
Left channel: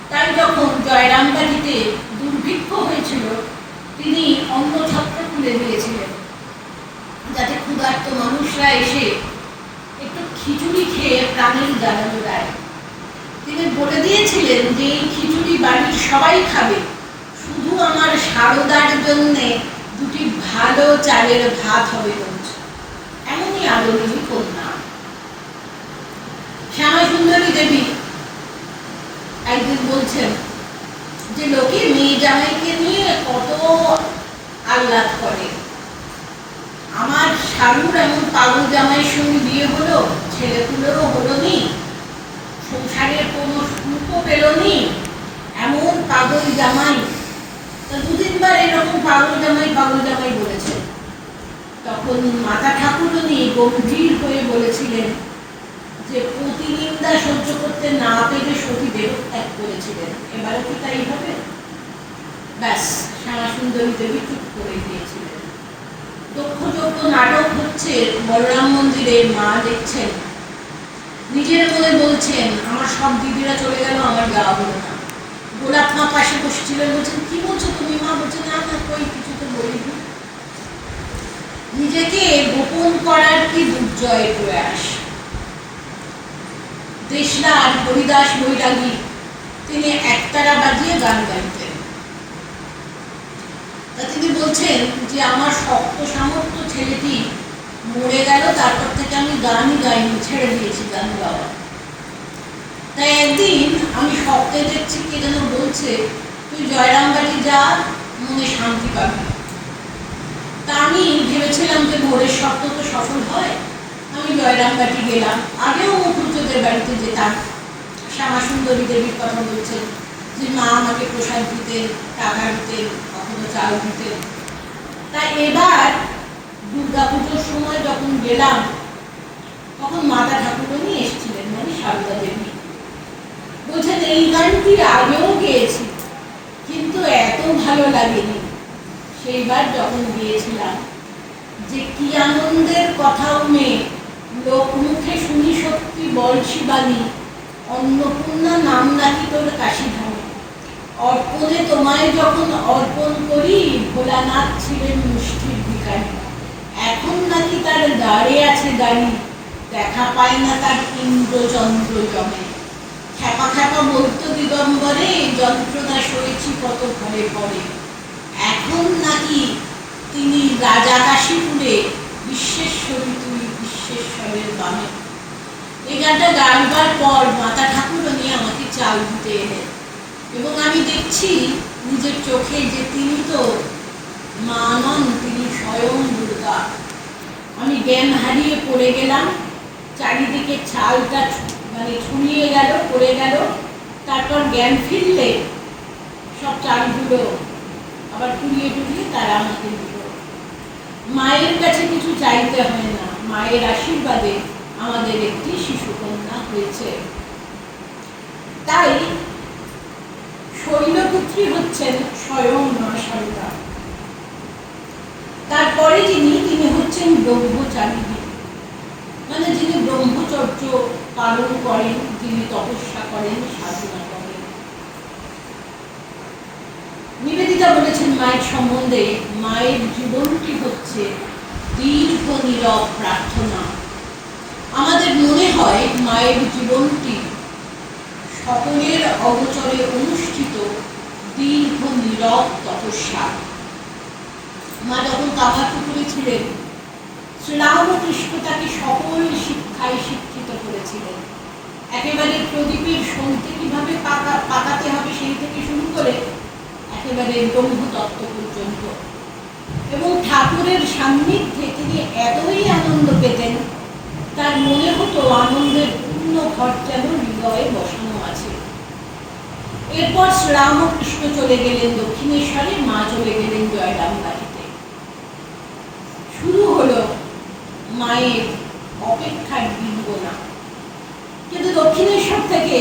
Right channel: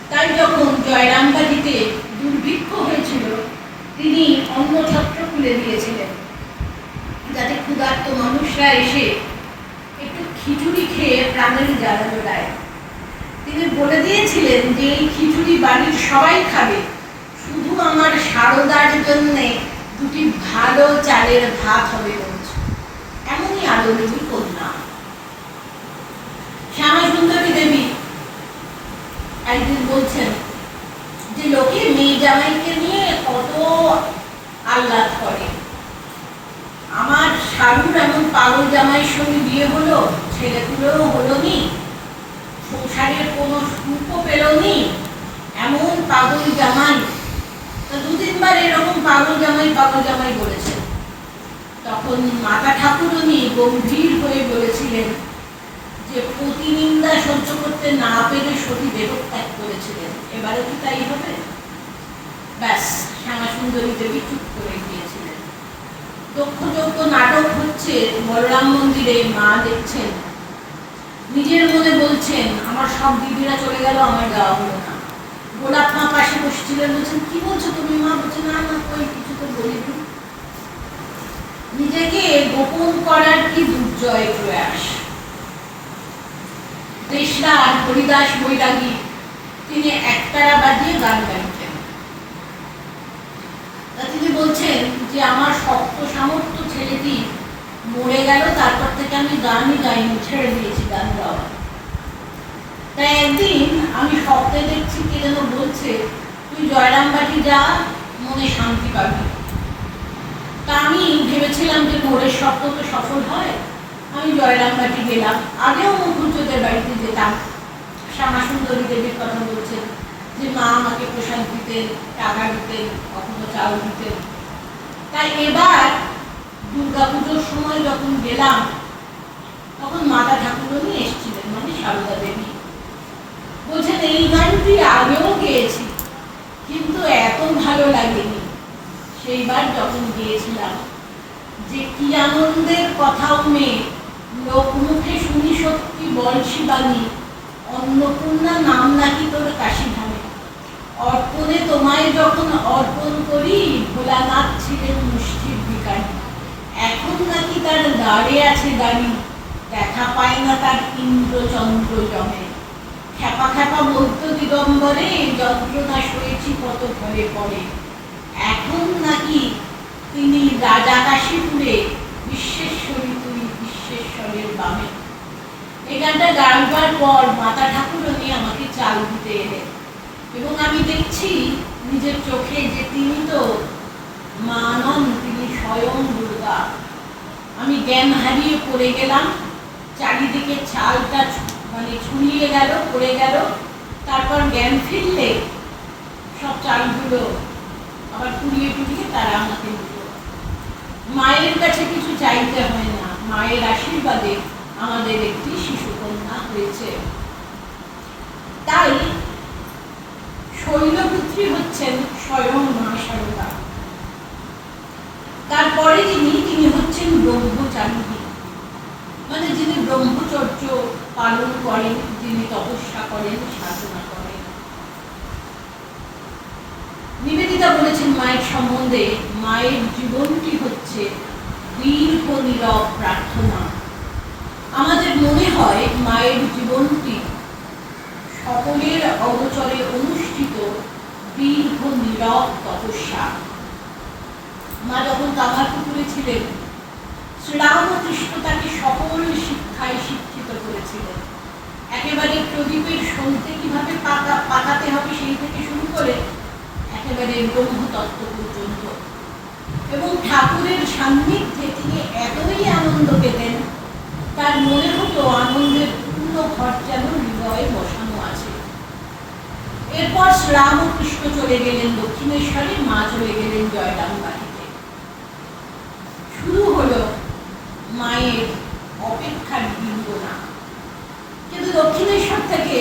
তাই যখন জয়রামবাটিতে দুর্ভিক্ষ হয়েছিল তিনি অন্নছত্র খুলে দিয়েছিলেন যাতে ক্ষুধার্ত মানুষরা এসে একটু খিচুড়ি খেয়ে প্রাণের জ্বালানো দেয়। তিনি বলে দিয়েছিলেন যে এই খিচুড়ি বাড়ির সবাই খাবে, শুধু আমার সারদার জন্য 2টি ভালো চালের ভাত হবে বলছে। এমনই আদরিনী কন্যা। শ্যামাসুন্দরী দেবী একদিন বলছেন যে লোকে মেয়ে জামাইকে নিয়ে কত আহ্লাদ করে, আমার শালুর এমন পাগল জামাইয়ের সঙ্গে বিয়ে হলো, ছেলেগুলোও হলো নি, সংসারের কোনো সুখও পেল নি, এমন পাগল জামাই। তো 2-3বার এরকম পাগল জামাই বলেছেন। তখন মাতা ঠাকুরানী গম্ভীর হয়ে বলেছিলেন যে প্রতিনিন্দা সহ্য করতে না পেরে সতী দেহত্যাগ করেছিলেন, এবারও কি তাই হবে? ব্যাস, শ্যামাসুন্দরী দেবী চুপ করে গিয়েছিলেন। দক্ষযজ্ঞ নাটক হচ্ছে বলরাম মন্দিরে, মা দেখছেন, নিজের মনে বলছেন আমার সব দিদিরা চলে গেল, আমার যাওয়া হলো না। গোলাপ মা পাশে বসছিলেন, বলছেন কি বলছো তুমি মা? বলছে না না কই কিছু তো বলিনি। নিজেকে গোপন করার কি দুর্জয় প্রয়াস। দেশলাল হরিদাস বৈরাগী তিনি একতারা বাজিয়ে গান গাইতেন। তা তিনি বলছেন যে আমার শক্ত সামর্থ্য ছেলেটি মরে গেল, তারপর থেকে আমি গানই গাইনি, ছেড়ে দিয়েছি গান গাওয়া। তাই একদিন আমি স্বপ্নে দেখছি কে যেন বলছে তুই জয়রামবাটি যা, মনে শান্তি পাবি। তা আমি ভেবেছিলাম যে ভোরের স্বপ্ন তো সফল হয়, আমি জয়রামবাটি গেলাম। আগেও মুখুজ্জদের বাড়িতে যেতাম, শ্যামাসুন্দরী দেবীর কথা বলছেন যে মা আমাকে প্রসাদ দিতেন, টাকা দিতেন, কখনো চাল দিতেন। তাই এবার দুর্গাপুজোর সময় যখন গেলাম তখন মাতা ঠাকুরানী এসেছিলেন, মানে সারদা দেবী। বলছেন এই গানটি আগেও গেয়েছি কিন্তু এত ভালো লাগেনি, সেইবার যখন গিয়েছিলাম যে কি আনন্দের কথাও মেয়ে লোক মুখে শুনি সত্যি বল শিবানী, অন্নপূর্ণা নাম নাকি তোর কাশীধামে। অর্পণে তোমায় যখন অর্পণ করি, ভোলানাথ ছিলেন মুষ্টির ভিখারি। এখন নাকি তার দাঁড়ে আছে দাড়ি, দেখা পায় না তার ইন্দ্রচন্দ্র জমে। খ্যাপা খ্যাপা বলতো দিগম্বরে, যন্ত্রণা সয়েছি কত ঘরে পড়ে। এখন নাকি তিনি রাজা কাশীপুরে, বিশ্বেশ্বরী তুই বিশ্বেশ্বরের বামে। এই গানটা গাইবার পর মাতা ঠাকুরানী আমাকে চাল দিতে এলেন, এবং আমি দেখছি নিজের চোখে যে তিনি তো মা নন, তিনি স্বয়ং দুর্গা। আমি জ্ঞান হারিয়ে পড়ে গেলাম, চারিদিকে চালটা ছড়িয়ে গেল, পড়ে গেল। তারপর জ্ঞান ফিরলে সব চালগুলো আবার কুড়িয়ে টুড়িয়ে তারা আমাকে দিল। মায়ের কাছে কিছু চাইতে হয় না, মায়ের আশীর্বাদে আমাদের একটি শিশুকন্যা হয়েছে। তাই শৈলপুত্রী হচ্ছেন স্বয়ং মা শারদা। তারপরে তিনি হচ্ছেন ব্রহ্মচারিণী, মানে যিনি ব্রহ্মচর্য পালন করেন, যিনি তপস্যা করেন, সাধনা করেন। নিবেদিতা বলেছেন মায়ের সম্বন্ধে, মায়ের জীবনটি হচ্ছে দীর্ঘ নীরব প্রার্থনা। আমাদের মনে হয় মায়ের জীবনটি সকলের অগোচরে অনুষ্ঠিত দীর্ঘ নীরব তপস্যা। মা যখন কামারপুকুরে ছিলেন, শ্রীরামকৃষ্ণ তাকে সকল শিক্ষায় শিক্ষিত করেছিলেন। একেবারে প্রদীপের সঙ্গে কিভাবে পাকাতে হবে সেই থেকে শুরু করে একেবারে ব্রহ্মতত্ত্ব পর্যন্ত। এবং ঠাকুরের সান্নিধ্যে তিনি এতই আনন্দ পেতেন, তার মনে হতো আনন্দের পূর্ণ ঘর যেন হৃদয়ে বসানো আছে। এরপর শ্রীরামকৃষ্ণ চলে গেলেন দক্ষিণেশ্বরে, মা চলে গেলেন জয়রামবাটিতে। শুরু হলো মায়ের অপেক্ষার বিন্দনা। কিন্তু দক্ষিণেশ্বর থেকে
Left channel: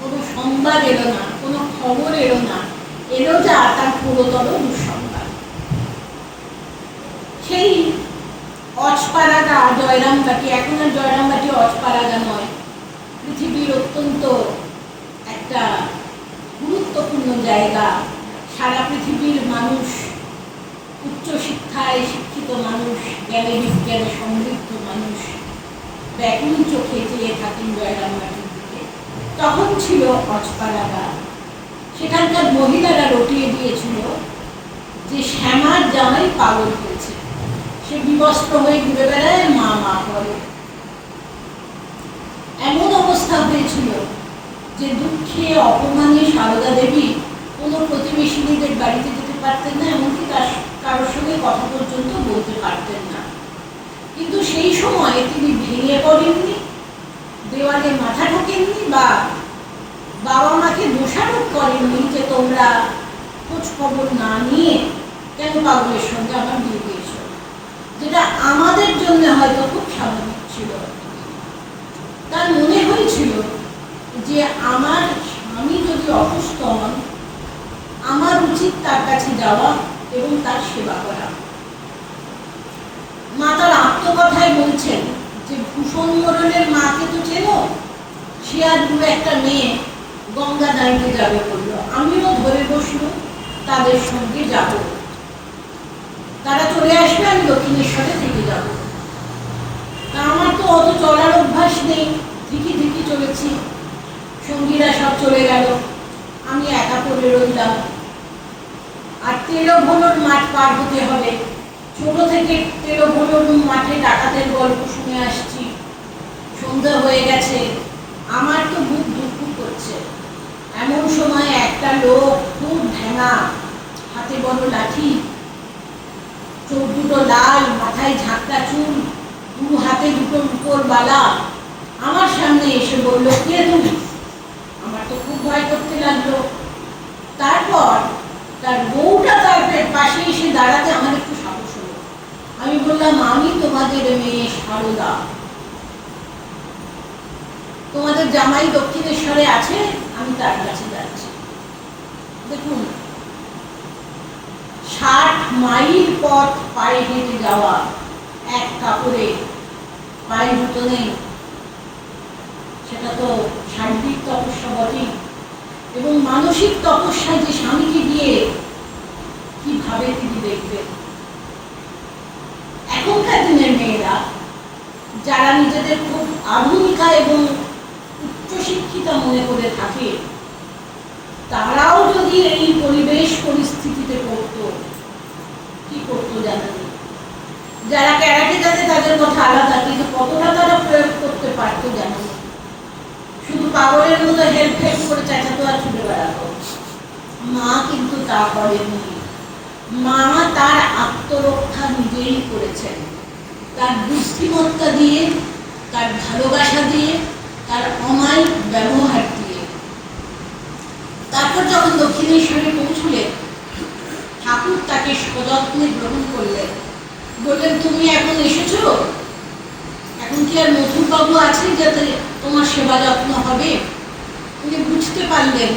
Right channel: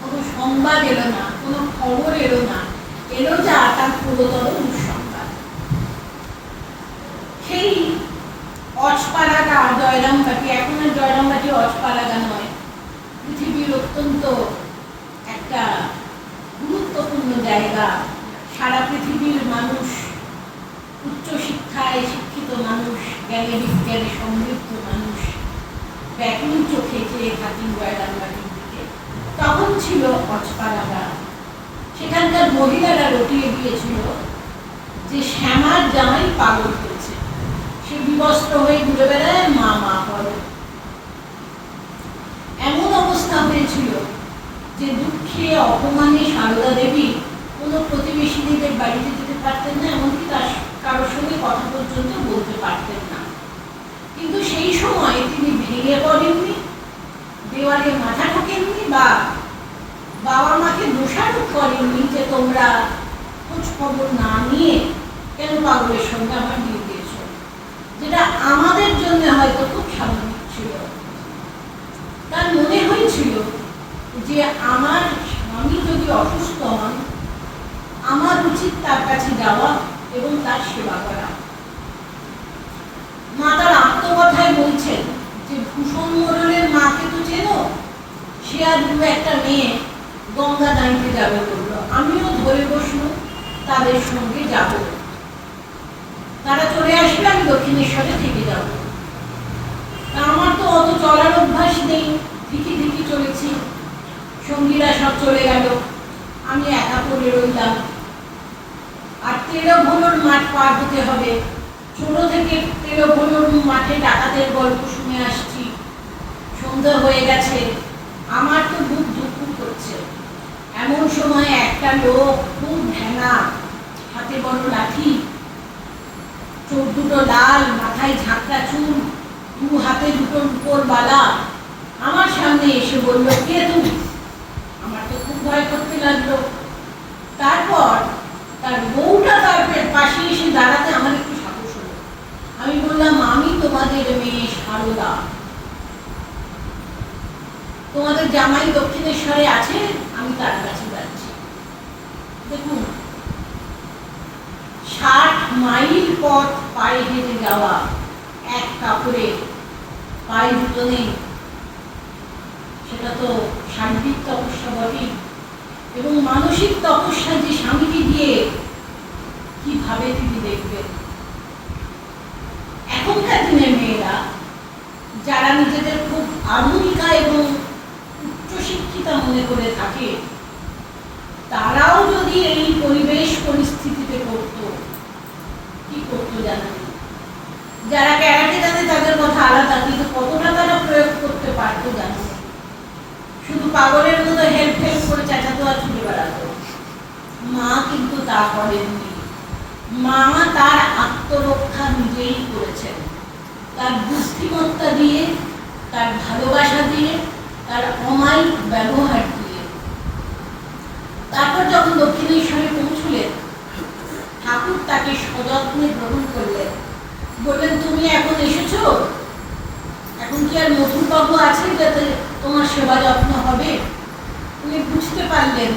কোনো সংবাদ এলো না, কোনো খবর এলো না, এলো যা তার পুরোতর দুঃসংবাদ। সেই অজপাড়াগা জয়রামবাটি, এখন আর জয়রামবাটি অজপাড়াগা নয়, পৃথিবীর অত্যন্ত একটা গুরুত্বপূর্ণ জায়গা। সারা পৃথিবীর মানুষ, উচ্চশিক্ষায় শিক্ষিত মানুষ, জ্ঞানে বিজ্ঞানে সমৃদ্ধ মানুষ ব্যাকুল চোখে চেয়ে থাকেন জয়রামবাটির দিকে। তখন ছিল অজপাড়াগা। সেখানকার মহিলারা রটিয়ে দিয়েছিল যে শ্যামার জামাই পাগল হয়েছে, সে বিবস্ত্র হয়ে ঘুরে বেড়ায়, মা মা করে। এমন অবস্থা হয়েছিল যে দুঃখে অপমানে সারদা দেবী কোনো প্রতিবেশীদের বাড়িতে যেতে পারতেন না, এমনকি তার কারোর সঙ্গে কথা পর্যন্ত বলতে পারতেন না। কিন্তু সেই সময় তিনি ভেঙে পড়েননি, দেওয়ালে মাথা ঠোকেননি, বা বাবা মাকে দোষারোপ করেননি যে তোমরা খোঁজ খবর না নিয়ে কেন পাগলের সঙ্গে আমার বিয়ে দিয়েছ, যেটা আমাদের জন্য হয়তো খুব স্বাভাবিক ছিল। তার মনে হয়েছিল যে আমার স্বামী যদি অসুস্থ হন, আমার উচিত তার কাছে যাওয়া এবং তার সেবা করা। মা তার আত্মকথায় বলছেন যে ভূষণ মোড়লের মাকে তো চেনো, সে আর দু একটা মেয়ে গঙ্গা দাঁড়িয়ে যাবে বললো, আমিও ধরে বসলো তাদের সঙ্গে যাব। তারা চলে আসবে, আমি দক্ষিণেশ্বরে থেকে যাব। আমার তো অত চলার অভ্যাস নেই, ধিকি ধিকি চলেছি। সঙ্গীরা সব চলে গেল, আমি একা পড়ে রইলাম। আর তেলভোলোর মাঠ পার হতে হবে। ছোট থেকে তেলভোলোর মাঠে ডাকাতের গল্প শুনে আসছি। সন্ধ্যা হয়ে গেছে, আমার তো বুক ধুকপুক করছে। এমন সময় একটা লোক খুব ঢেঙা, হাতে বড় লাঠি, চোখ দুটো লাল, মাথায় ঝাঁকড়া চুল, দু হাতে দুটো রূপোর বালা, আমার সামনে এসে বলল, কে তুমি? আমার তো খুব ভয় করতে লাগলো। তারপর তার বউটা তার পাশে এসে দাঁড়াতে আমার একটু সাহস হলো। আমি বললাম, আমি তোমাদের মেয়ে সারদা, তোমাদের জামাই দক্ষিণেশ্বরে আছে, আমি তার কাছে যাচ্ছি। দেখুন, 60 মাইল পথ পায়ে হেঁটে যাওয়া এক কাপড়ে পায়ে জুতো নেই, সেটা তো শারীরিক তপস্যা বটেই। এবং মানসিক তপস্যায় যে স্বামীকে গিয়ে কিভাবে তিনি দেখবেন। এখনকার দিনের মেয়েরা যারা নিজেদের খুব আধুনিকা এবং উচ্চশিক্ষিতা মনে করে থাকে, তারাও যদি এই পরিবেশ পরিস্থিতিতে পড়তো, কি করতো জানেন? যারা ক্যারাটে জানে তাদের কথা আলাদা, কিন্তু কতটা তারা প্রয়োগ করতে পারতো জানো? শুধু পাগলের মতো হেল্প হেল্প করে চেঁচাতো আর ছুটে বেড়াতো। মা কিন্তু তা করেননি। মা তার আত্মরক্ষা নিজেই করেছেন, তার বুদ্ধিমত্তা দিয়ে, তার ভালোবাসা দিয়ে, তার অমায়িক ব্যবহার দিয়ে। তারপর যখন দক্ষিণেশ্বরে পৌঁছলেন, ঠাকুর তাকে সযত্নে গ্রহণ করলেন, বললেন, তুমি এখন এসেছো, এখন কি আর মধুবাবু আছে যাতে তোমার সেবা যত্ন হবে? উনি বুঝতে পারলেন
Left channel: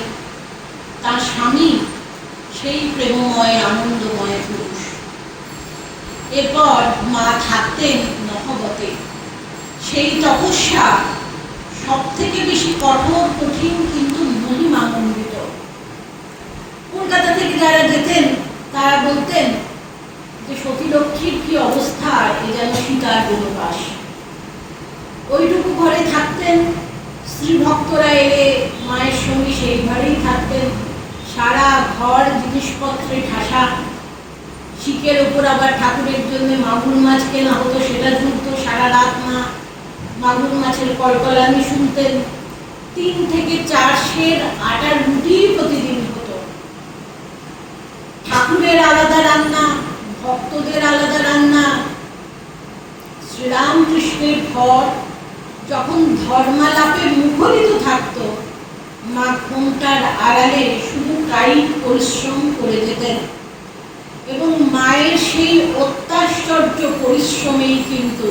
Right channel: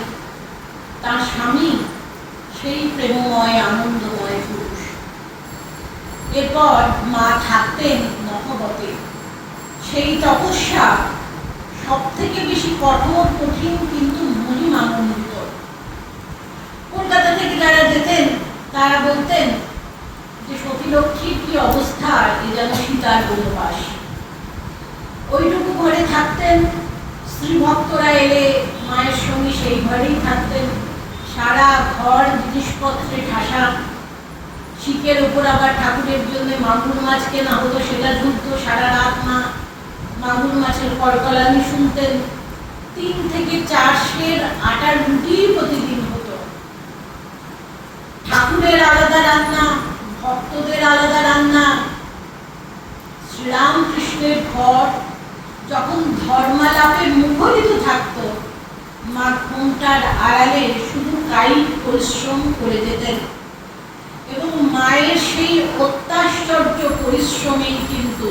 তার স্বামী সেই প্রেমময় আনন্দময় পুরুষ। এরপর মা থাকতেন নহবতে। সেই তপস্যা সব থেকে বেশি কঠোর, কঠিন, কিন্তু মহিমামণ্ডিত। কলকাতা থেকে যারা যেতেন তারা বলতেন যে সতীলক্ষ্মীর কি অবস্থা, এ যেন সীতার বনবাস। ওইটুকু ঘরে থাকতেন, স্ত্রী ভক্তরা এলে মায়ের সঙ্গে সেই ঘরেই থাকতেন। সারা ঘর জিনিসপত্রে ঠাসা। শিকের ওপর আবার ঠাকুরের জন্য মাগুর মাছ কেনা হতো, সেটা ঝুলতো সারা রাত। মা মাগুর মাছের কলকলানি শুনতেন। 3 থেকে 4 সের আটার রুটি প্রতিদিন হতো। ঠাকুরের আলাদা রান্না, ভক্তদের আলাদা রান্না। শ্রীরামকৃষ্ণের ঘর যখন ধর্মালাপে মুখরিত থাকতো, মা ঘুমটার আড়ালে শুধু কায়িক পরিশ্রম করে যেতেন। এবং মায়ের সেই অত্যাশ্চর্য পরিশ্রমেই কিন্তু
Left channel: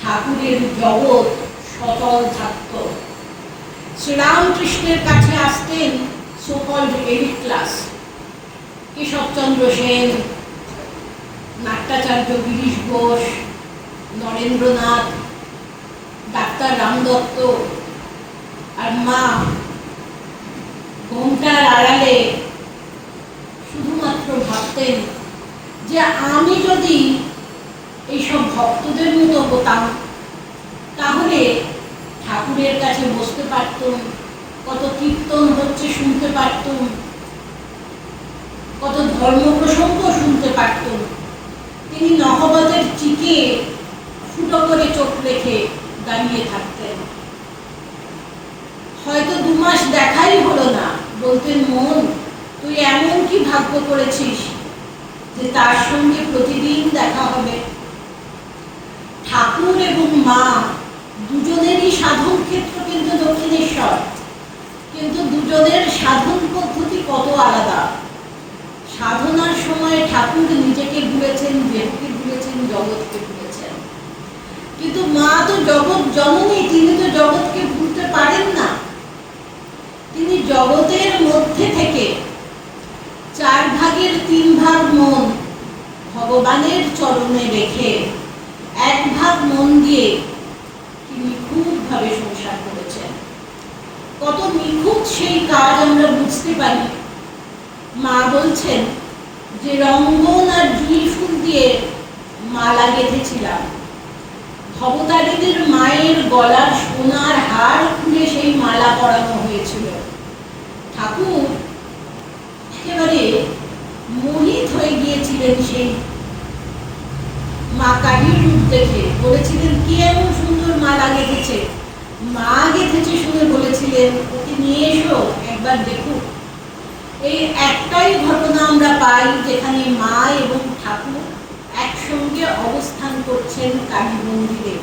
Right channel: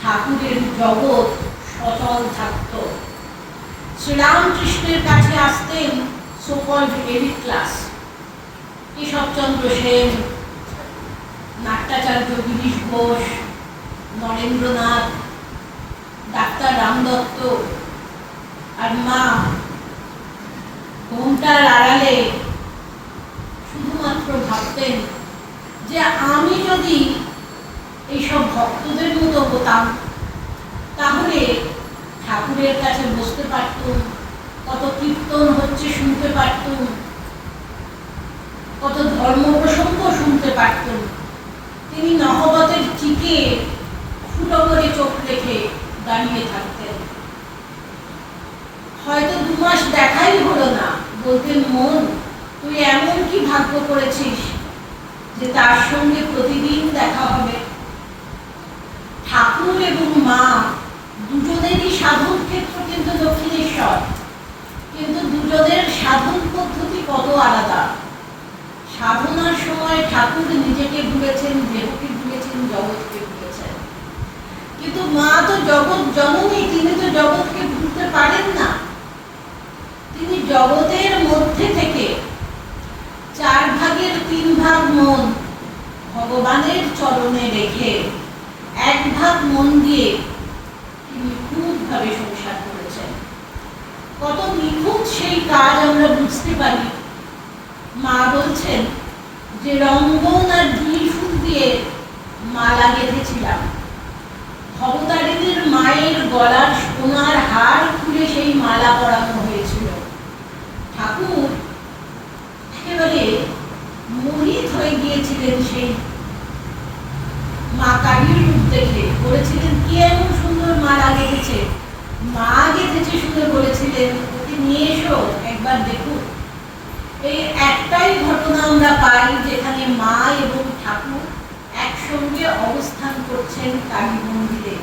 ঠাকুরের জগৎ সচল থাকত। শ্রীরামকৃষ্ণের কাছে আসতেন so called elite class, Keshabchandra Sen, নাট্যাচার্য গিরিশ ঘোষ, নরেন্দ্রনাথ, ডাক্তার রামদত্ত। আর মা ঘোমটার আড়ালে শুধুমাত্র ভাবতেন যে আমি যদি এইসব ভক্তদের মতো হতাম, তাহলে ঠাকুরের কাছে বসতে পারতুম, কত কীর্তন হচ্ছে শুনতে পারতুম, কত ধর্ম প্রসঙ্গ শুনতে পারতুম। তিনি নহবতের চিকে ফুটো করে চোখ রেখে দাঁড়িয়ে থাকতেন। হয়তো 2 মাস দেখাই হলো না, বলতেন, মন, তুই এমন কি ভাগ্য করেছিস যে তার সঙ্গে প্রতিদিন দেখা হবে। ঠাকুর এবং মা দুজনেরই সাধন ক্ষেত্র কিন্তু দক্ষিণেশ্বর, কিন্তু দুজনের সাধন পদ্ধতি কত আলাদা। সাধনার সময় ঠাকুর নিজেকে ভুলেছেন, দেহকে ভুলেছেন, জগৎকে ভুলেছেন। কিন্তু মা তো জগৎ জননী, তিনি তো জগৎকে ভুলতে পারেন না। তিনি জগতের মধ্যে থেকে 4 ভাগের 3 ভাগ মন ভগবানের চরণে রেখে 1 ভাগ মন দিয়ে তিনি খুবভাবে সংসার করেছেন। কত নিখুঁত সেই কাজ আমরা বুঝতে পারি। মা বলছেন যে রঙ্গন আর জুঁই ফুল দিয়ে মালা গেঁথেছিলাম। ভবতারিণীর মায়ের গলার সোনার হার খুলে সেই মালা পরানো হয়েছিল। ঠাকুর একেবারে মোহিত হয়ে গিয়েছিলেন সেই মা কালীর রূপ দেখে। বলেছিলেন, কি এমন সুন্দর মালা গেঁথেছে। মা গেঁথেছে শুনে বলেছিলেন, ওকে নিয়ে এসো, একবার দেখুক। এই একটাই ঘটনা আমরা পাই যেখানে মা এবং ঠাকুর একসঙ্গে অবস্থান করছেন কালী মন্দিরে।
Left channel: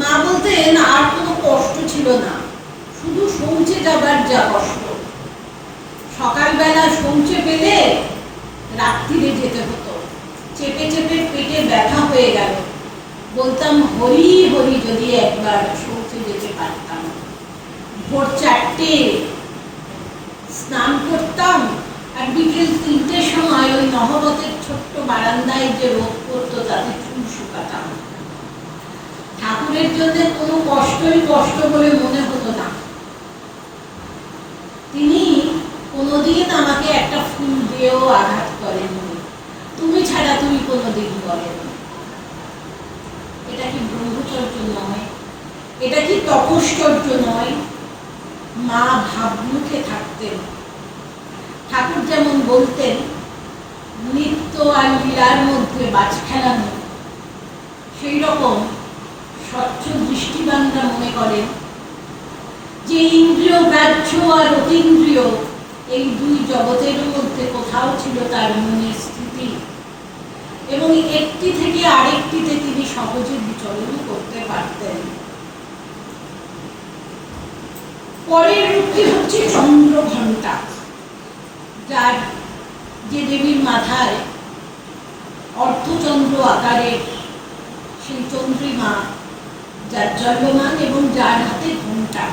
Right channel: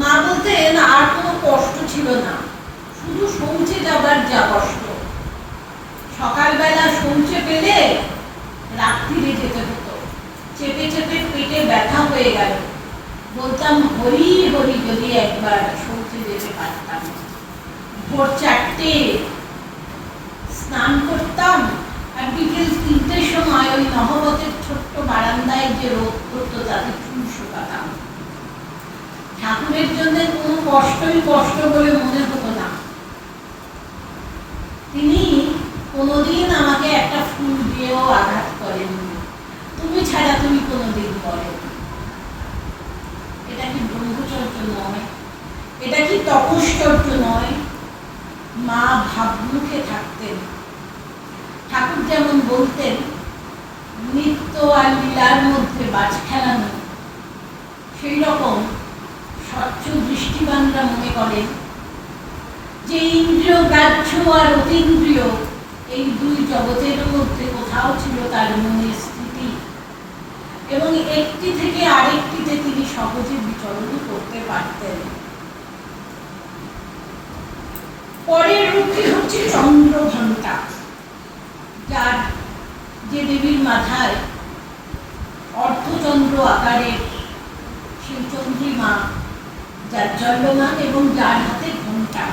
মা বলতেন, আর কোনো কষ্ট ছিল না, শুধু শৌচে যাবার যা কষ্ট। সকালবেলা শৌচে পেলে রাত্রিরে যেতে হতো। চেপে চেপে পেটে ব্যথা হয়ে গেল, বলতাম, হরি হরি, যদি একবার শৌচে যেতে পারতাম। ভোর 4টে স্নান করতাম, আর বিকেল 3টের সময় ওই নহবতের ছোট্ট বারান্দায় যে রোদ পড়তো তাতে চুল শুকাতাম। ঠাকুরের জন্য কোনো কষ্টই কষ্ট বলে মনে হতো না। তিনি কোনোদিন আমাকে একটা ফুল দিয়েও আঘাত করেননি, তুমি ছাড়া তুমি কোনোদিন বলেন। এটা কি ব্রহ্মচর্য নয়? এটা কি তপশ্চর্য নয়? মা ভাবমুখে থাকতেন। ঠাকুর যেমন বলতেন নিত্য আর লীলার মধ্যে বাজ খেলানো, সেই রকম স্বচ্ছ দৃষ্টিবানরা মনে করেন যে ইন্দ্রিয় গ্রাহ্য আর অতীন্দ্রিয় এই দুই জগতের মধ্যে কোথাও ছিল তার মনের স্থিতি, এবং একটি থেকে আরেকটিতে তিনি সহজে বিচরণ করতে পারতেন। পরের রূপটি হচ্ছে চন্দ্রঘণ্টা, যার যে দেবীর মাথায় অর্ধচন্দ্র আকারের সেই চন্দ্রিমা, যার জন্মমান এবং যার হাতে ঘণ্টা।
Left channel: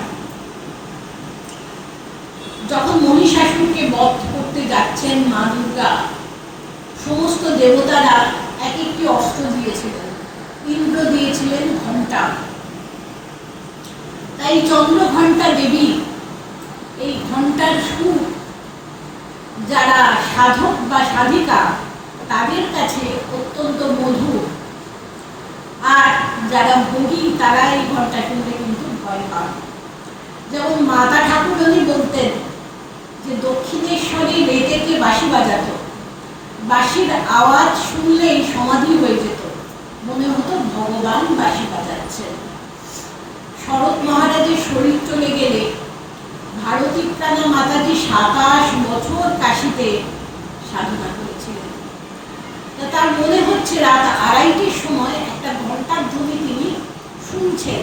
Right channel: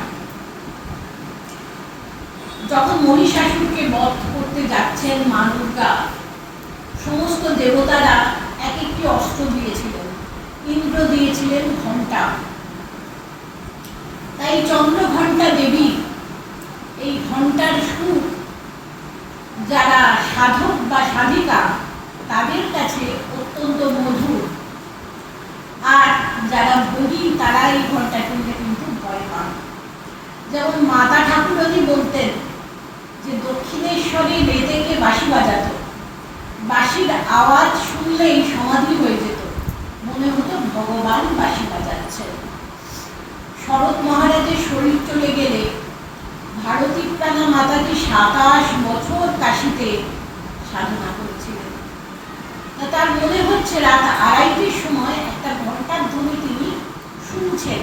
যখন মহিষাসুরকে বধ করতে যাচ্ছেন মা দুর্গা, সমস্ত দেবতারা এক একটি অস্ত্র দিয়েছিলেন। ইন্দ্র দিয়েছিলেন ঘণ্টা। তাই চন্দ্রঘণ্টা দেবী এই ঘণ্টার সুর যারা সাধক বা সাধিকা তাদের কাছে অত্যন্ত মধুর, আর যারা বলি তারা এই ঘণ্টা শুনলে কিন্তু ভয় পান। যেমন মাতা ঠাকুরানী বলতেন যে দক্ষিণেশ্বরে বেতেকে বাঁশি বাজাত, বাঁশির আওয়াজ শুনলেই সমাধি হয়ে যেত, মনে হতো ভগবান বাঁশি বাজাচ্ছে। শরৎ মহারাজের শরীর চলে গেলে ভারতী প্রাণা মাতাজি 27 বছর কাশীতে সাধনা করেছিলেন। তার মনে হচ্ছে রাত 2:30টার সময় একটা ঘণ্টার ধ্বনি তিনি শুনছেন,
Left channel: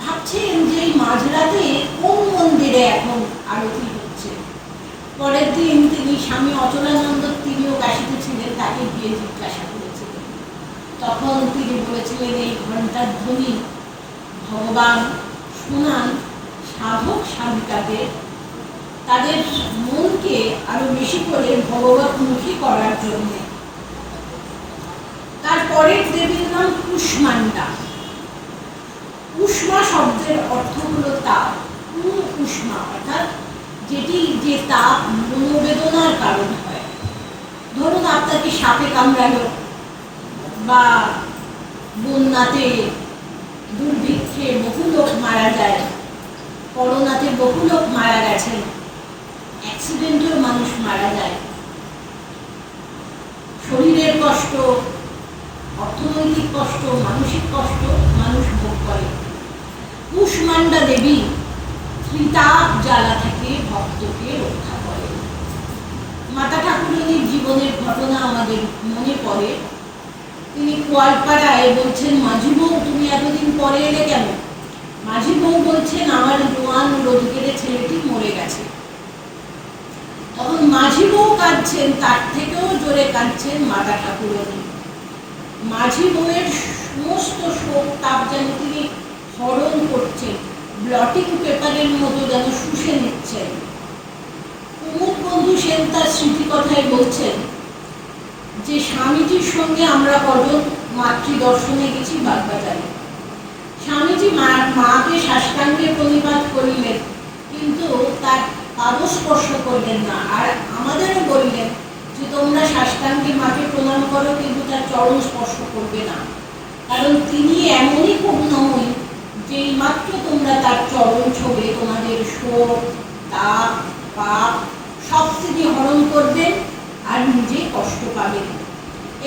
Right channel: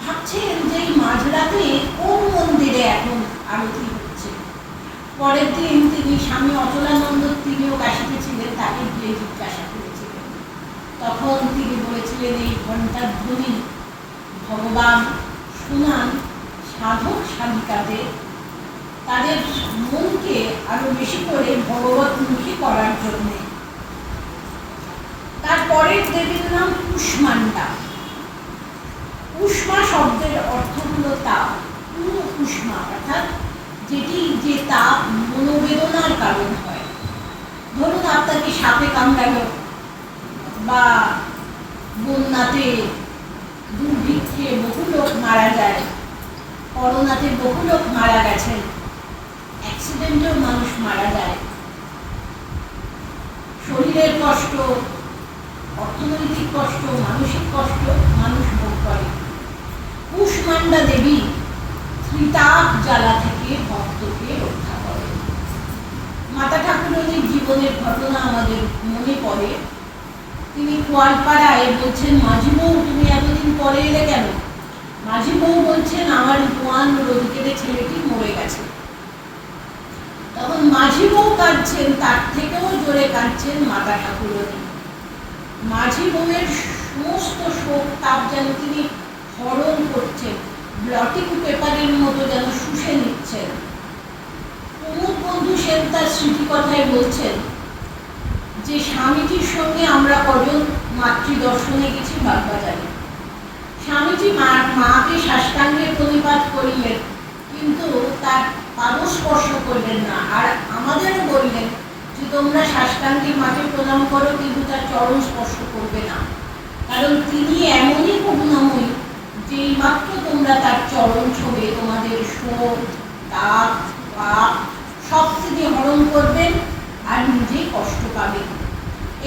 ভাবছেন যে এই মাঝরাতে কোন মন্দিরে এখন আরতি হচ্ছে। পরের দিন তিনি স্বামী অচলানন্দ, তিনিও কাশীতে ছিলেন, তাকে গিয়ে জিজ্ঞাসা করেছিলেন। তখন তিনি বলেছিলেন এই ঘণ্টার ধ্বনি ভগবান শোনান সাধক সাধিকাদের, তাদের মনকে আরো বেশি করে ভগবতমুখী করার জন্য। তারপরের দেবীর নাম কুষ্মান্ডা। উষ্মা শব্দের অর্থ হলো তাপ। উষ্মা অর্থাৎ যেটি যে তাপ মনোবেদনার কারণ হয়। ধরুন আপনাকে সাপে কামড়ালো, বা বন্যাতে দুর্ভিক্ষে বহু লোক মারা যায়, করোনাতে বহু লোক মারা গেছেন, অ্যাক্সিডেন্টেও মানুষ মারা যায়। শরীরের কষ্ট, অর্থনৈতিক কষ্ট, মানসিক কষ্ট মানুষ ভোগ করে। কুষ্মান্ডা দেবী ত্রিতাপ জ্বালা থেকে ভক্তকে রক্ষা করে। মাতা ঠাকুরানীর জীবনের ঘটনা আমাদের মনে পড়ে। তিনি কোয়ালপাড়ায় বলছেন, মাঝি বউ তুমি এতদিন পরে এলে কেন? মাঝি বউ বলছেন, আমার জোয়ান রোজগেরে ছেলেটি মরে গেছে। তখন মাঝি বউ কাঁদছেন, তার থেকেও জোরে কাঁদছেন মাতা ঠাকুরানী। মাঝি বউয়ের সমস্ত শোক তাপ যেন তিনি হরণ করছেন, ব্লটিং পেপারের মতো যেন শুষে নিচ্ছেন। কুমুদ বন্ধু সেন তার স্মৃতিকথায় বলছেন যে স্বামীজির সঙ্গে আমরা কজন মাতৃদর্শনে গেছি বাগবাজারে। স্বামীজি মাকে সাষ্টাঙ্গে প্রণিপাত করিলেন, কিন্তু তার পাদস্পর্শ করলেন না। আর আমাদেরও বললেন যে তোমরা সাষ্টাঙ্গে মাকে প্রণাম করো, কিন্তু তার চরণ স্পর্শ করবে না, কারণ তিনি এমনই করুণাময়ী যে মাত্র তোমরা তার চরণ ছোঁবে তোমাদের শোক, তাপ, পাপ সব থেকে হরণ করবেন আর নিজে কষ্ট পাবেন।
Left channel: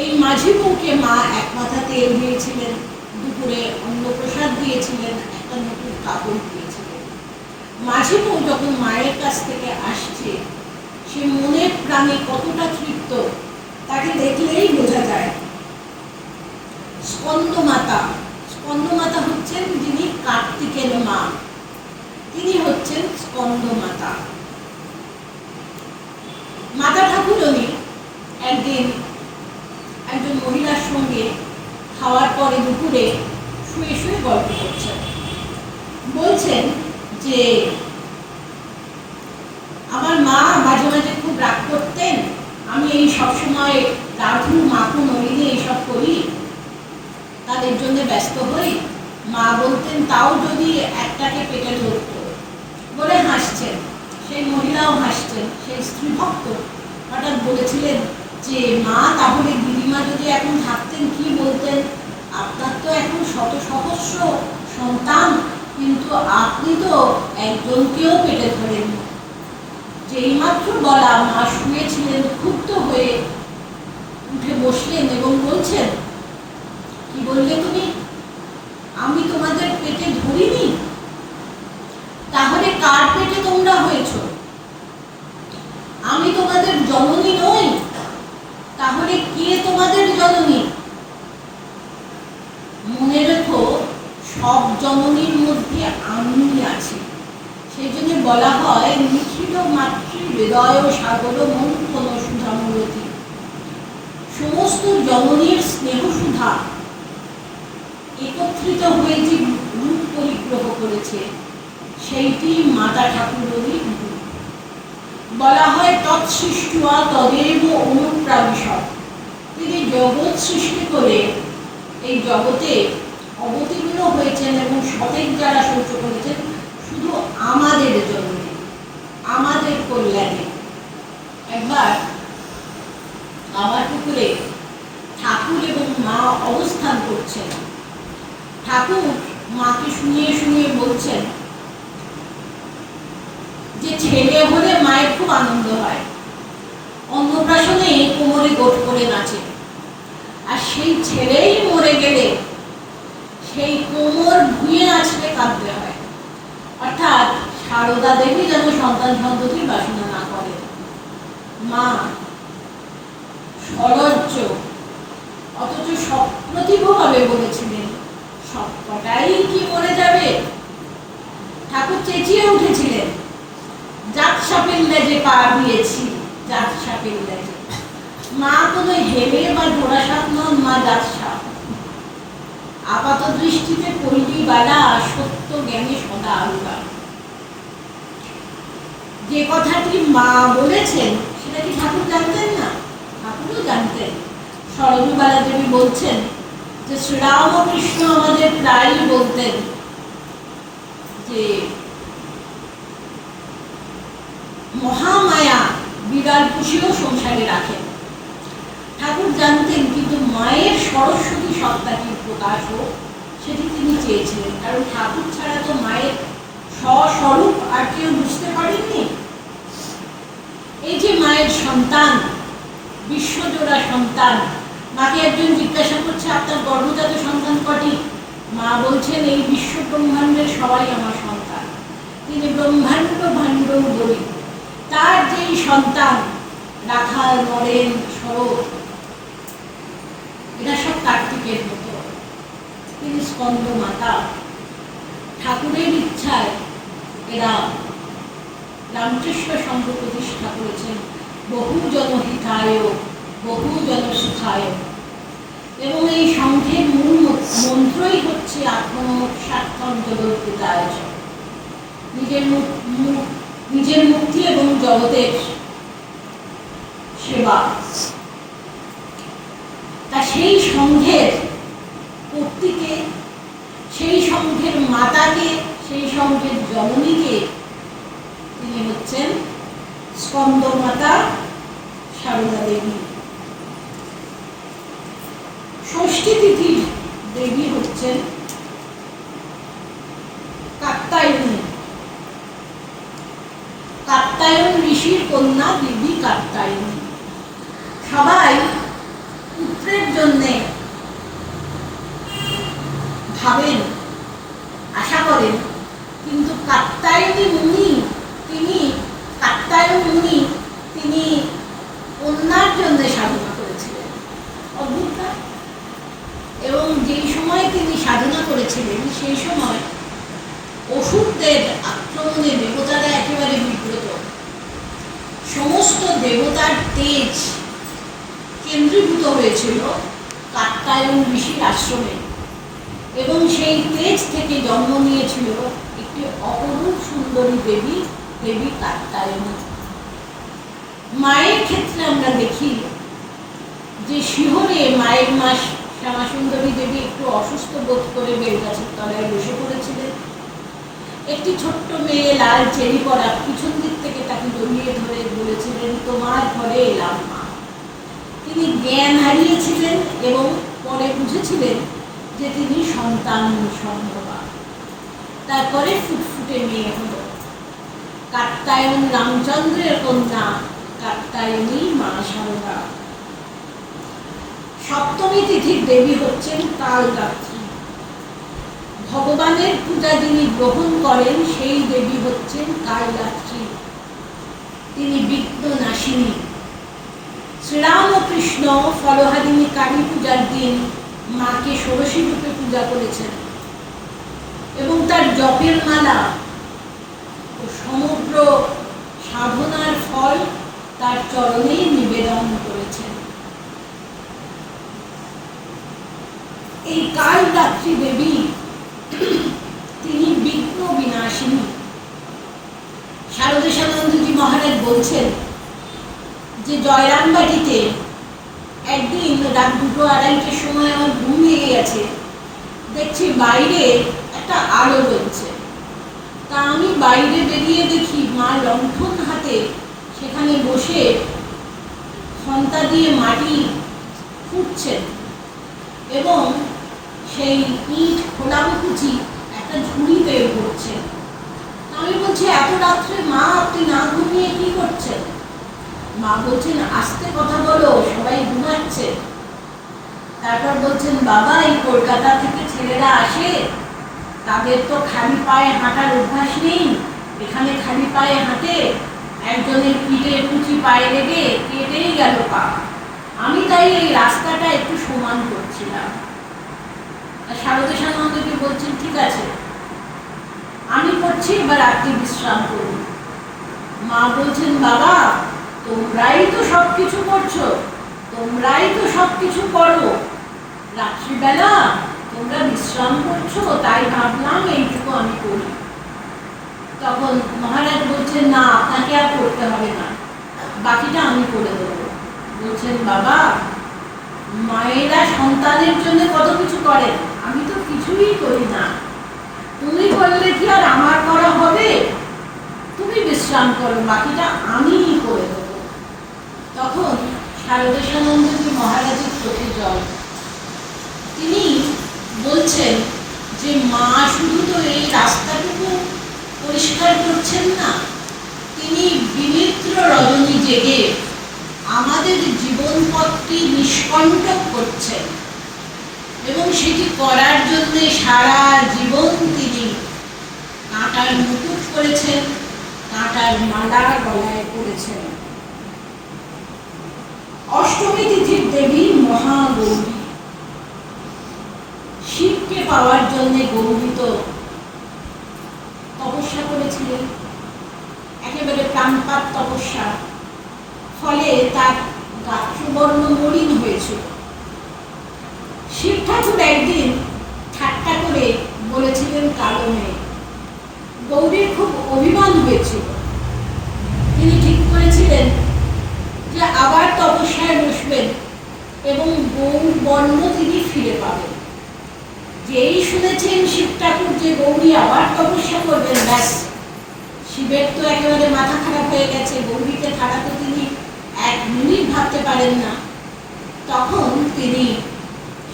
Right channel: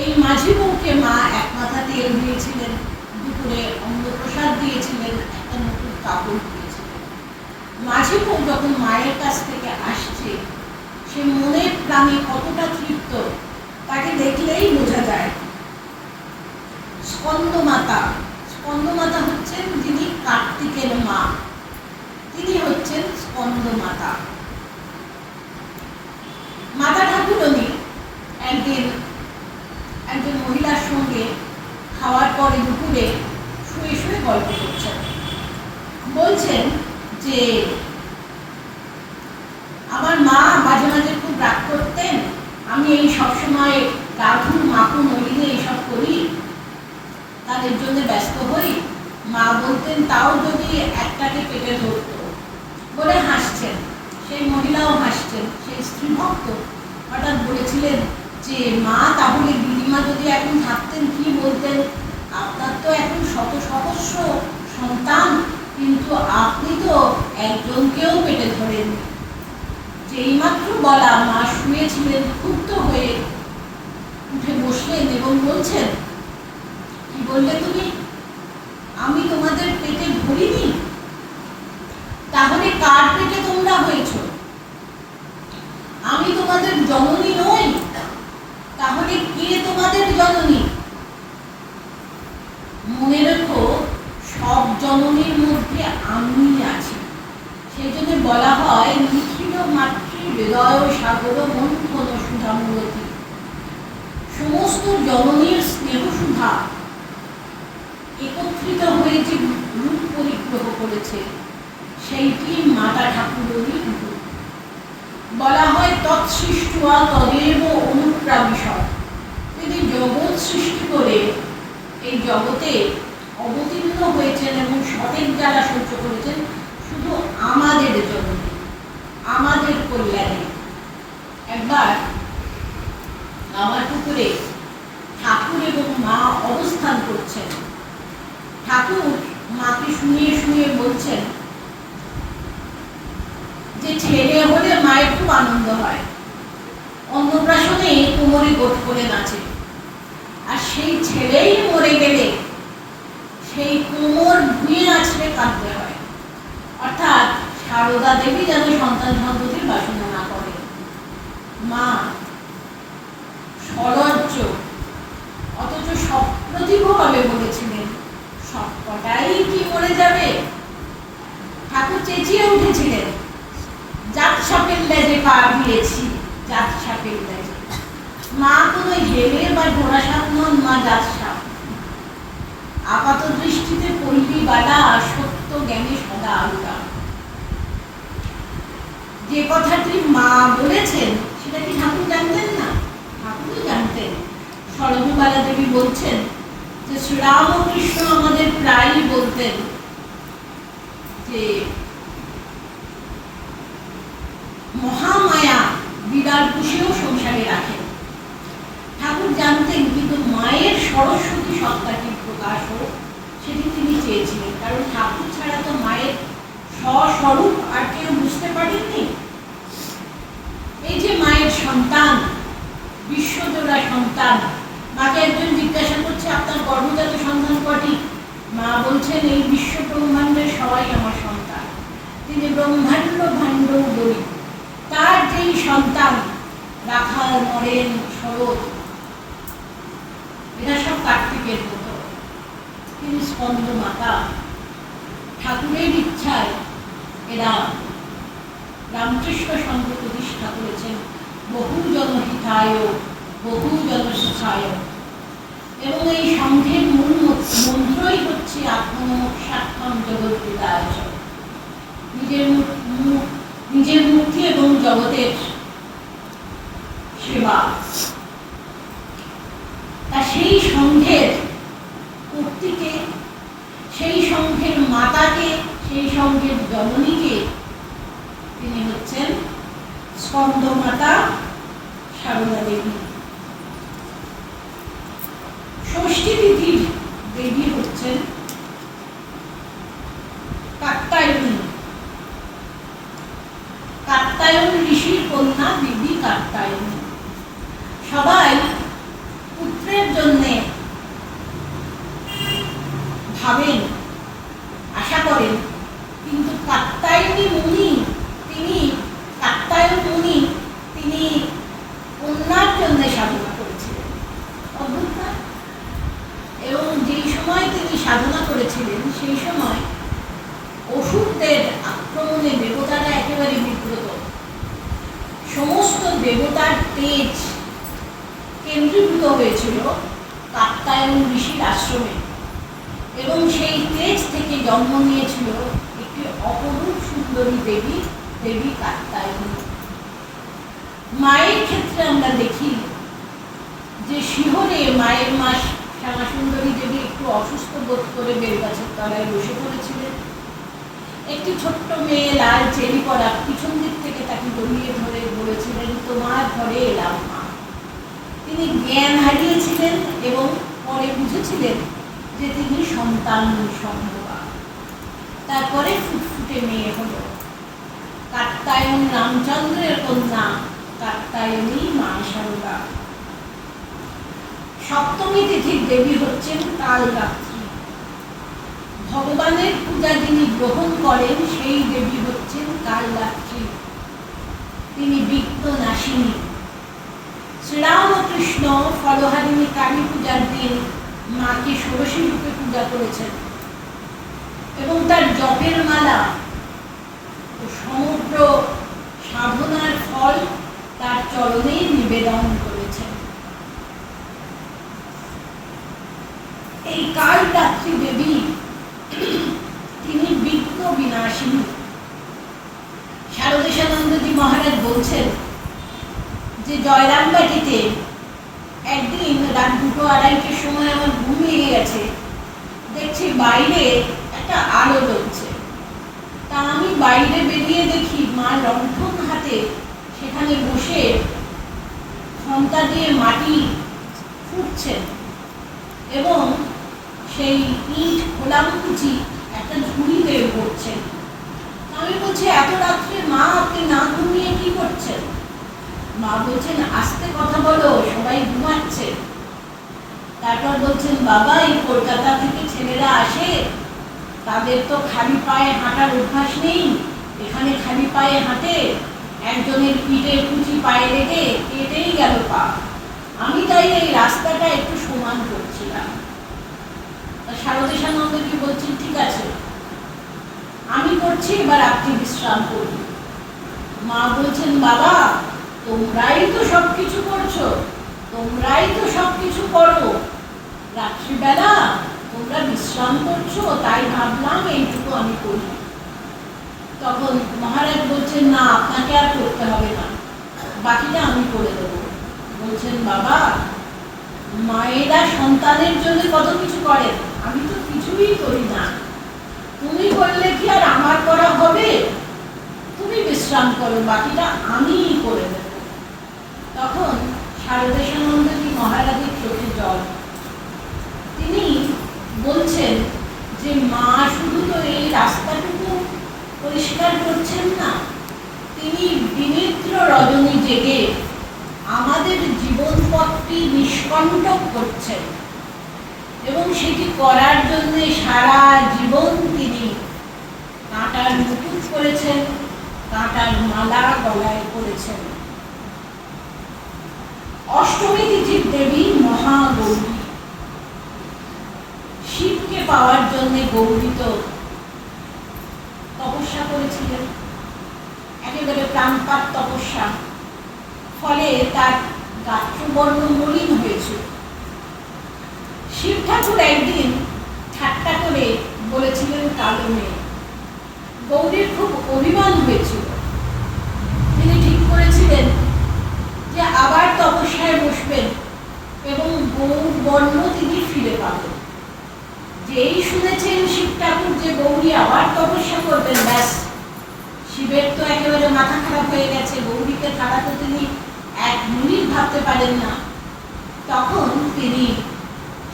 এই মাঝি বউকে মা এক মাথা তেল দিয়েছিলেন, দুপুরে অন্নপ্রসাদ দিয়েছিলেন, একটা নতুন কাপড় দিয়েছিলেন। মাঝি বউ যখন মায়ের কাছ থেকে আসছে, সে মনের প্রাণে কতটা তৃপ্ত তাকে দেখলেই বোঝা যায়। স্কন্দমাতা, স্কন্দমাতা হচ্ছেন যিনি কার্তিকের মা, তিনি হচ্ছেন স্কন্দমাতা। মাতা ঠাকুরানী একদিন একজন মহিলার সঙ্গে খাওয়ার পরে দুপুরে শুয়ে শুয়ে গল্প করছেন। বলছেন যে আমার মা মাঝে মাঝে খুব রাগ করতেন, আমি এই সবসময় দাদু মাকু নলিনী এইসব করি, তাদের জন্য ব্যস্ত হই। মা বলতেন তাও যদি একটাকে পেটে ধরতো বলে হাসছেন, সেই মহিলাও হাসছেন। সেই স্ত্রী ভক্ত হঠাৎ বলেছিলেন যে মা, তাহলে দিদিমা যদি এখন থাকতেন কি বলতেন? আপনার তো এখন শত সহস্র সন্তান, কিন্তু আপনি তো একজনকেও পেটে ধরেননি। যেই মাত্র বলা, মা শুয়েছিলেন, ক্ষুব্ধ হয়ে উঠে বসলেন এবং বলছেন, কি বললে তুমি? আমি তোমাদের পেটে ধরিনি? তাহলে কার পেটে তোমরা হয়েছ? আমি তোমাদের জননী নই? তাহলে কে তোমাদের জননী? মনে রেখো, সব জননীর মধ্যে আমি আছি। সেই জন্য বলা হয়, নিখিল মাতৃ হৃদয় সাগর মন্থন সুধামূরতি। সমস্ত জননীর স্নেহ সুধা একত্রিত হয়ে যে রূপ পরিগ্রহ করেছে, সেইটি মাতা ঠাকুরেরই রূপ। বলা হয়, তৎসৃষ্টা তদেব অনুপ্রাবিশৎ। তিনি জগৎ সৃষ্টি করে এই জগতে অবতীর্ণ হয়েছেন এবং সঠিক যারা সহ্য করেছেন শুধু আমাদের জন্য, আমাদের কল্যাণে। একবার আমার পুকুরে ঠাকুর এবং মা অবস্থান করছেন। ঠাকুর মাকে শুনিয়ে শুনিয়ে বলছেন যে ছেলে হলে মায়ের খুব আনন্দ হয়, অন্নপ্রাশনে কোমরে গোট করে নাচে, আর সেই ছেলেই মরে গেলে সেই কোমর ধুয়ে নাচলে কাঁদতে হয়। অর্থাৎ সারদা দেবী যেন সন্তান সন্ততির বাসনা না করে। মা সলজ্জ, অথচ সপ্রতিভভাবে বলেছিলেন, সবকটাই কি মরে যাবে? ঠাকুর চেঁচিয়ে উঠেছিলেন, জাত সাপের লেজে পা দিয়েছি, জাত সাপের লেজে। মা কোনো হেলে বা জোড়া সাপ নন, মা জাত সাপ। আপাত দৃষ্টিতে পল্লী বালা, সত্য জ্ঞানে সদা আলগা। যে কথাটি মা বলেছেন সেটা কি ঠাকুর জানতেন না? ঠাকুরও জানতেন। সরজবালা দেবী বলছেন যে শ্রীরামকৃষ্ণ আমাদের প্রায়ই বলতেন যে মহামায়া বিড়াল পুষিয়েও সংসারে রাখেন। ঠাকুর জানতেন, কিন্তু মায়ের সরস্বতী সত্তাটির প্রকাশ হোক সেটি তিনি চেয়েছিলেন। কারণ ঠাকুর ছাড়া তো মায়ের স্বস্বরূপ আর কেউ বুঝতে পারেননি। এই যে মায়ের সন্তান, বিশ্বজোড়া সন্তান। মাকে একজন জিজ্ঞাসা করছে, আপনার গর্ভজাত সন্তান কটি? মা বলছেন, এই বিশ্ব ব্রহ্মাণ্ডের সবাই আমার সন্তান। তিনি ব্রহ্মাণ্ড ভাণ্ড বলি। তার যেই সন্তান, রাখাল, নরেন, শরৎ, এরা সব কার্তিকের মতো। তিনি স্কন্দ মাতা। ঠাকুরের ইচ্ছায় এরা রামকৃষ্ণ সংঘ প্রতিষ্ঠা করেছেন, বহু জনহিতায় বহু জনসুখায়। এবং এই সংঘের মূল মন্ত্রই হচ্ছে আত্মসাক্ষম জগৎপিতায়। নিজের মুক্তি এবং জগতের সেবা। তা সেই সংঘের কর্তৃকে, সেই সংঘের মাতাকে, সেই সংঘের জননীকে তিনি হচ্ছেন স্কন্দমাতা সারদা দেবী। ষষ্ঠী তিথির দেবী হচ্ছেন কাত্যায়নী। কাত্যায়ন ঋষির কন্যা দেবী কাত্যায়নী। সবাই পুত্রের জন্যে ভাবেন, আশা করেন, কিন্তু কাত্যায়নী মুনি, তিনি কন্যার জন্য সাধনা করেছিলেন। অদ্ভুত। এবং যেই সময় তিনি সাধনা করেছিলেন সেই সময় অসুরদের আক্রমণে দেবতারা একেবারে বিব্রত। সমস্ত দেবতার তেজ কেন্দ্রীভূত হয়েছিল কাত্যায়ন ঋষির আশ্রমে, এবং সেই তেজ থেকে জন্ম নিয়েছিল একটি অপরূপ সুন্দরী দেবী, দেবী কাত্যায়নী। মায়ের ক্ষেত্রে আমরা দেখি যে শিহরে মায়ের মাস শ্যামাসুন্দরী দেবী একটু অসুস্থ বোধ করে বেলগাছের তলায় বসে পড়েছিলেন। একটি ছোট্ট মেয়ে লাল চেরি পরা পিছন দিক থেকে তাকে জড়িয়ে ধরে বলেছিলেন, তোমার ঘরে এলাম মা। তিনি জ্ঞান হারিয়েছিলেন এবং পরে বুঝেছিলেন যে তিনি সন্তান নিঃসন্দেহা। তারপরে ফুটফুটে মেয়ে হল। কাত্যায়ন রামচন্দ্রের কন্যা কাত্যায়নী মা শারদা। সপ্তমী তিথির দেবী হচ্ছেন কালরাত্রি। ভগবানের পূজা যিনি গ্রহণ করেন সেই দেবী হচ্ছেন কালরাত্রি। তিনি বিঘ্ন নাশিনী। শ্রীরামকৃষ্ণ ফলহারিণী কালী পূজার দিন মাকে ষোড়শী রূপে পূজা করেছেন এবং তার জপের মালা ও সমগ্র সাধনার ফল তার চরণেই নিবেদন করেছেন। এই কালরাত্রি দেবী তিনি বিঘ্ন বিনাশিনী। শারদেশানন্দজি মহারাজ বলছেন যে জয়রামবাটিতে একদিন রাত 2-2:30টার সময় আমার ঘুম ভেঙে গেছে, দেখছি বাইরে একটা আলো জ্বলছে। তা আমি বাইরে বেরিয়ে দেখি মা লণ্ঠন হাতে সেখানে বসে খন্তা দিয়ে মাটি ফুটছেন এবং সেই ইট খোলামকুচি একটা ঝুড়িতে পড়ছেন। আমি বলছি, এত রাত্রে মা আপনি না ঘুমিয়ে কি করছেন? মা বলছেন, আস্তে কথা বলো, সবাই ঘুমাচ্ছে। তারপর বলছেন, বাবা এই কলকাতা থেকে ছেলেরা আসে, তাদের তো খালি পায়ে হাঁটার অভ্যাস নেই, এখানে খালি পায়ে হাঁটে, একজনের পিঠে কুচি পায়ে লেগে কেটেই গেল পা। আমি তাই এই রাস্তাটা একটু সমান করছিলাম। শারদেশানন্দজি বলছেন, ঠিক আছে আমি করছি, এবার আপনি বিশ্রাম করুন। মা বলছেন, বাবা তোমরাই তো সবকিছু করছো, তোমরাই তো সবকিছু করো, রাত্রিবেলা তোমরা বিশ্রাম করছো, তাই ভাবলাম এইটুকু আমি করি। তখন মহারাজ বলছেন, না আপনাকে আর করতে হবে না, বাকিটা আমি করে দেবো। বলছেন, বাবা মায়েরা সন্তানের জন্য কত কিছু করেন, আমি তো কিছুই করি না, তুমি করলে কি আর আমার করা হবে? তুমি বিশ্রাম করো, বাকিটা আমিই করে দেব। তখন শারদেশানন্দজি মহারাজের চোখে জল। তিনি বলছেন যে মা শুধু তো এই রাস্তাটুকু পরিষ্কার করছেন না, তিনি বিমিত্র রজনী জেগে আমাদের জীবনপথটি নিষ্কণ্টক করছেন এবং সেটি করার জন্য সারা জীবন তিনি কাঁটার মুকুট করেছেন, কাঁটার মালা গলায় পড়েছেন। অষ্টমী তিথির দেবী মহাগৌরী। শিবকে পাওয়ার জন্য গৌরী তো তপস্যা করেছিলেন, একেবারে প্রাণপাত তপস্যা। ফলে তার গাত্রবর্ণ মলিন হয়েছিল। শিব ঠাকুর একদিন ঠাট্টা করে বলেছিলেন কালো মেয়ে। গৌরীর খুব অভিমান হয়েছিল। তিনি ঠিক করেছিলেন যে আবার তপস্যায় বসবেন এবং গৌর বর্ণ তিনি ফিরে পাবেন। যেই শুনেছেন শিব ঠাকুর যে গৌরী আবার তপস্যা করবেন, ব্যাস শিবের তো একেবারে মাথা খারাপ হয়ে গেছে, গৌরীকে ছাড়াতে তিনি 1 মিনিট ভাবতে পারেন না। তখন তিনি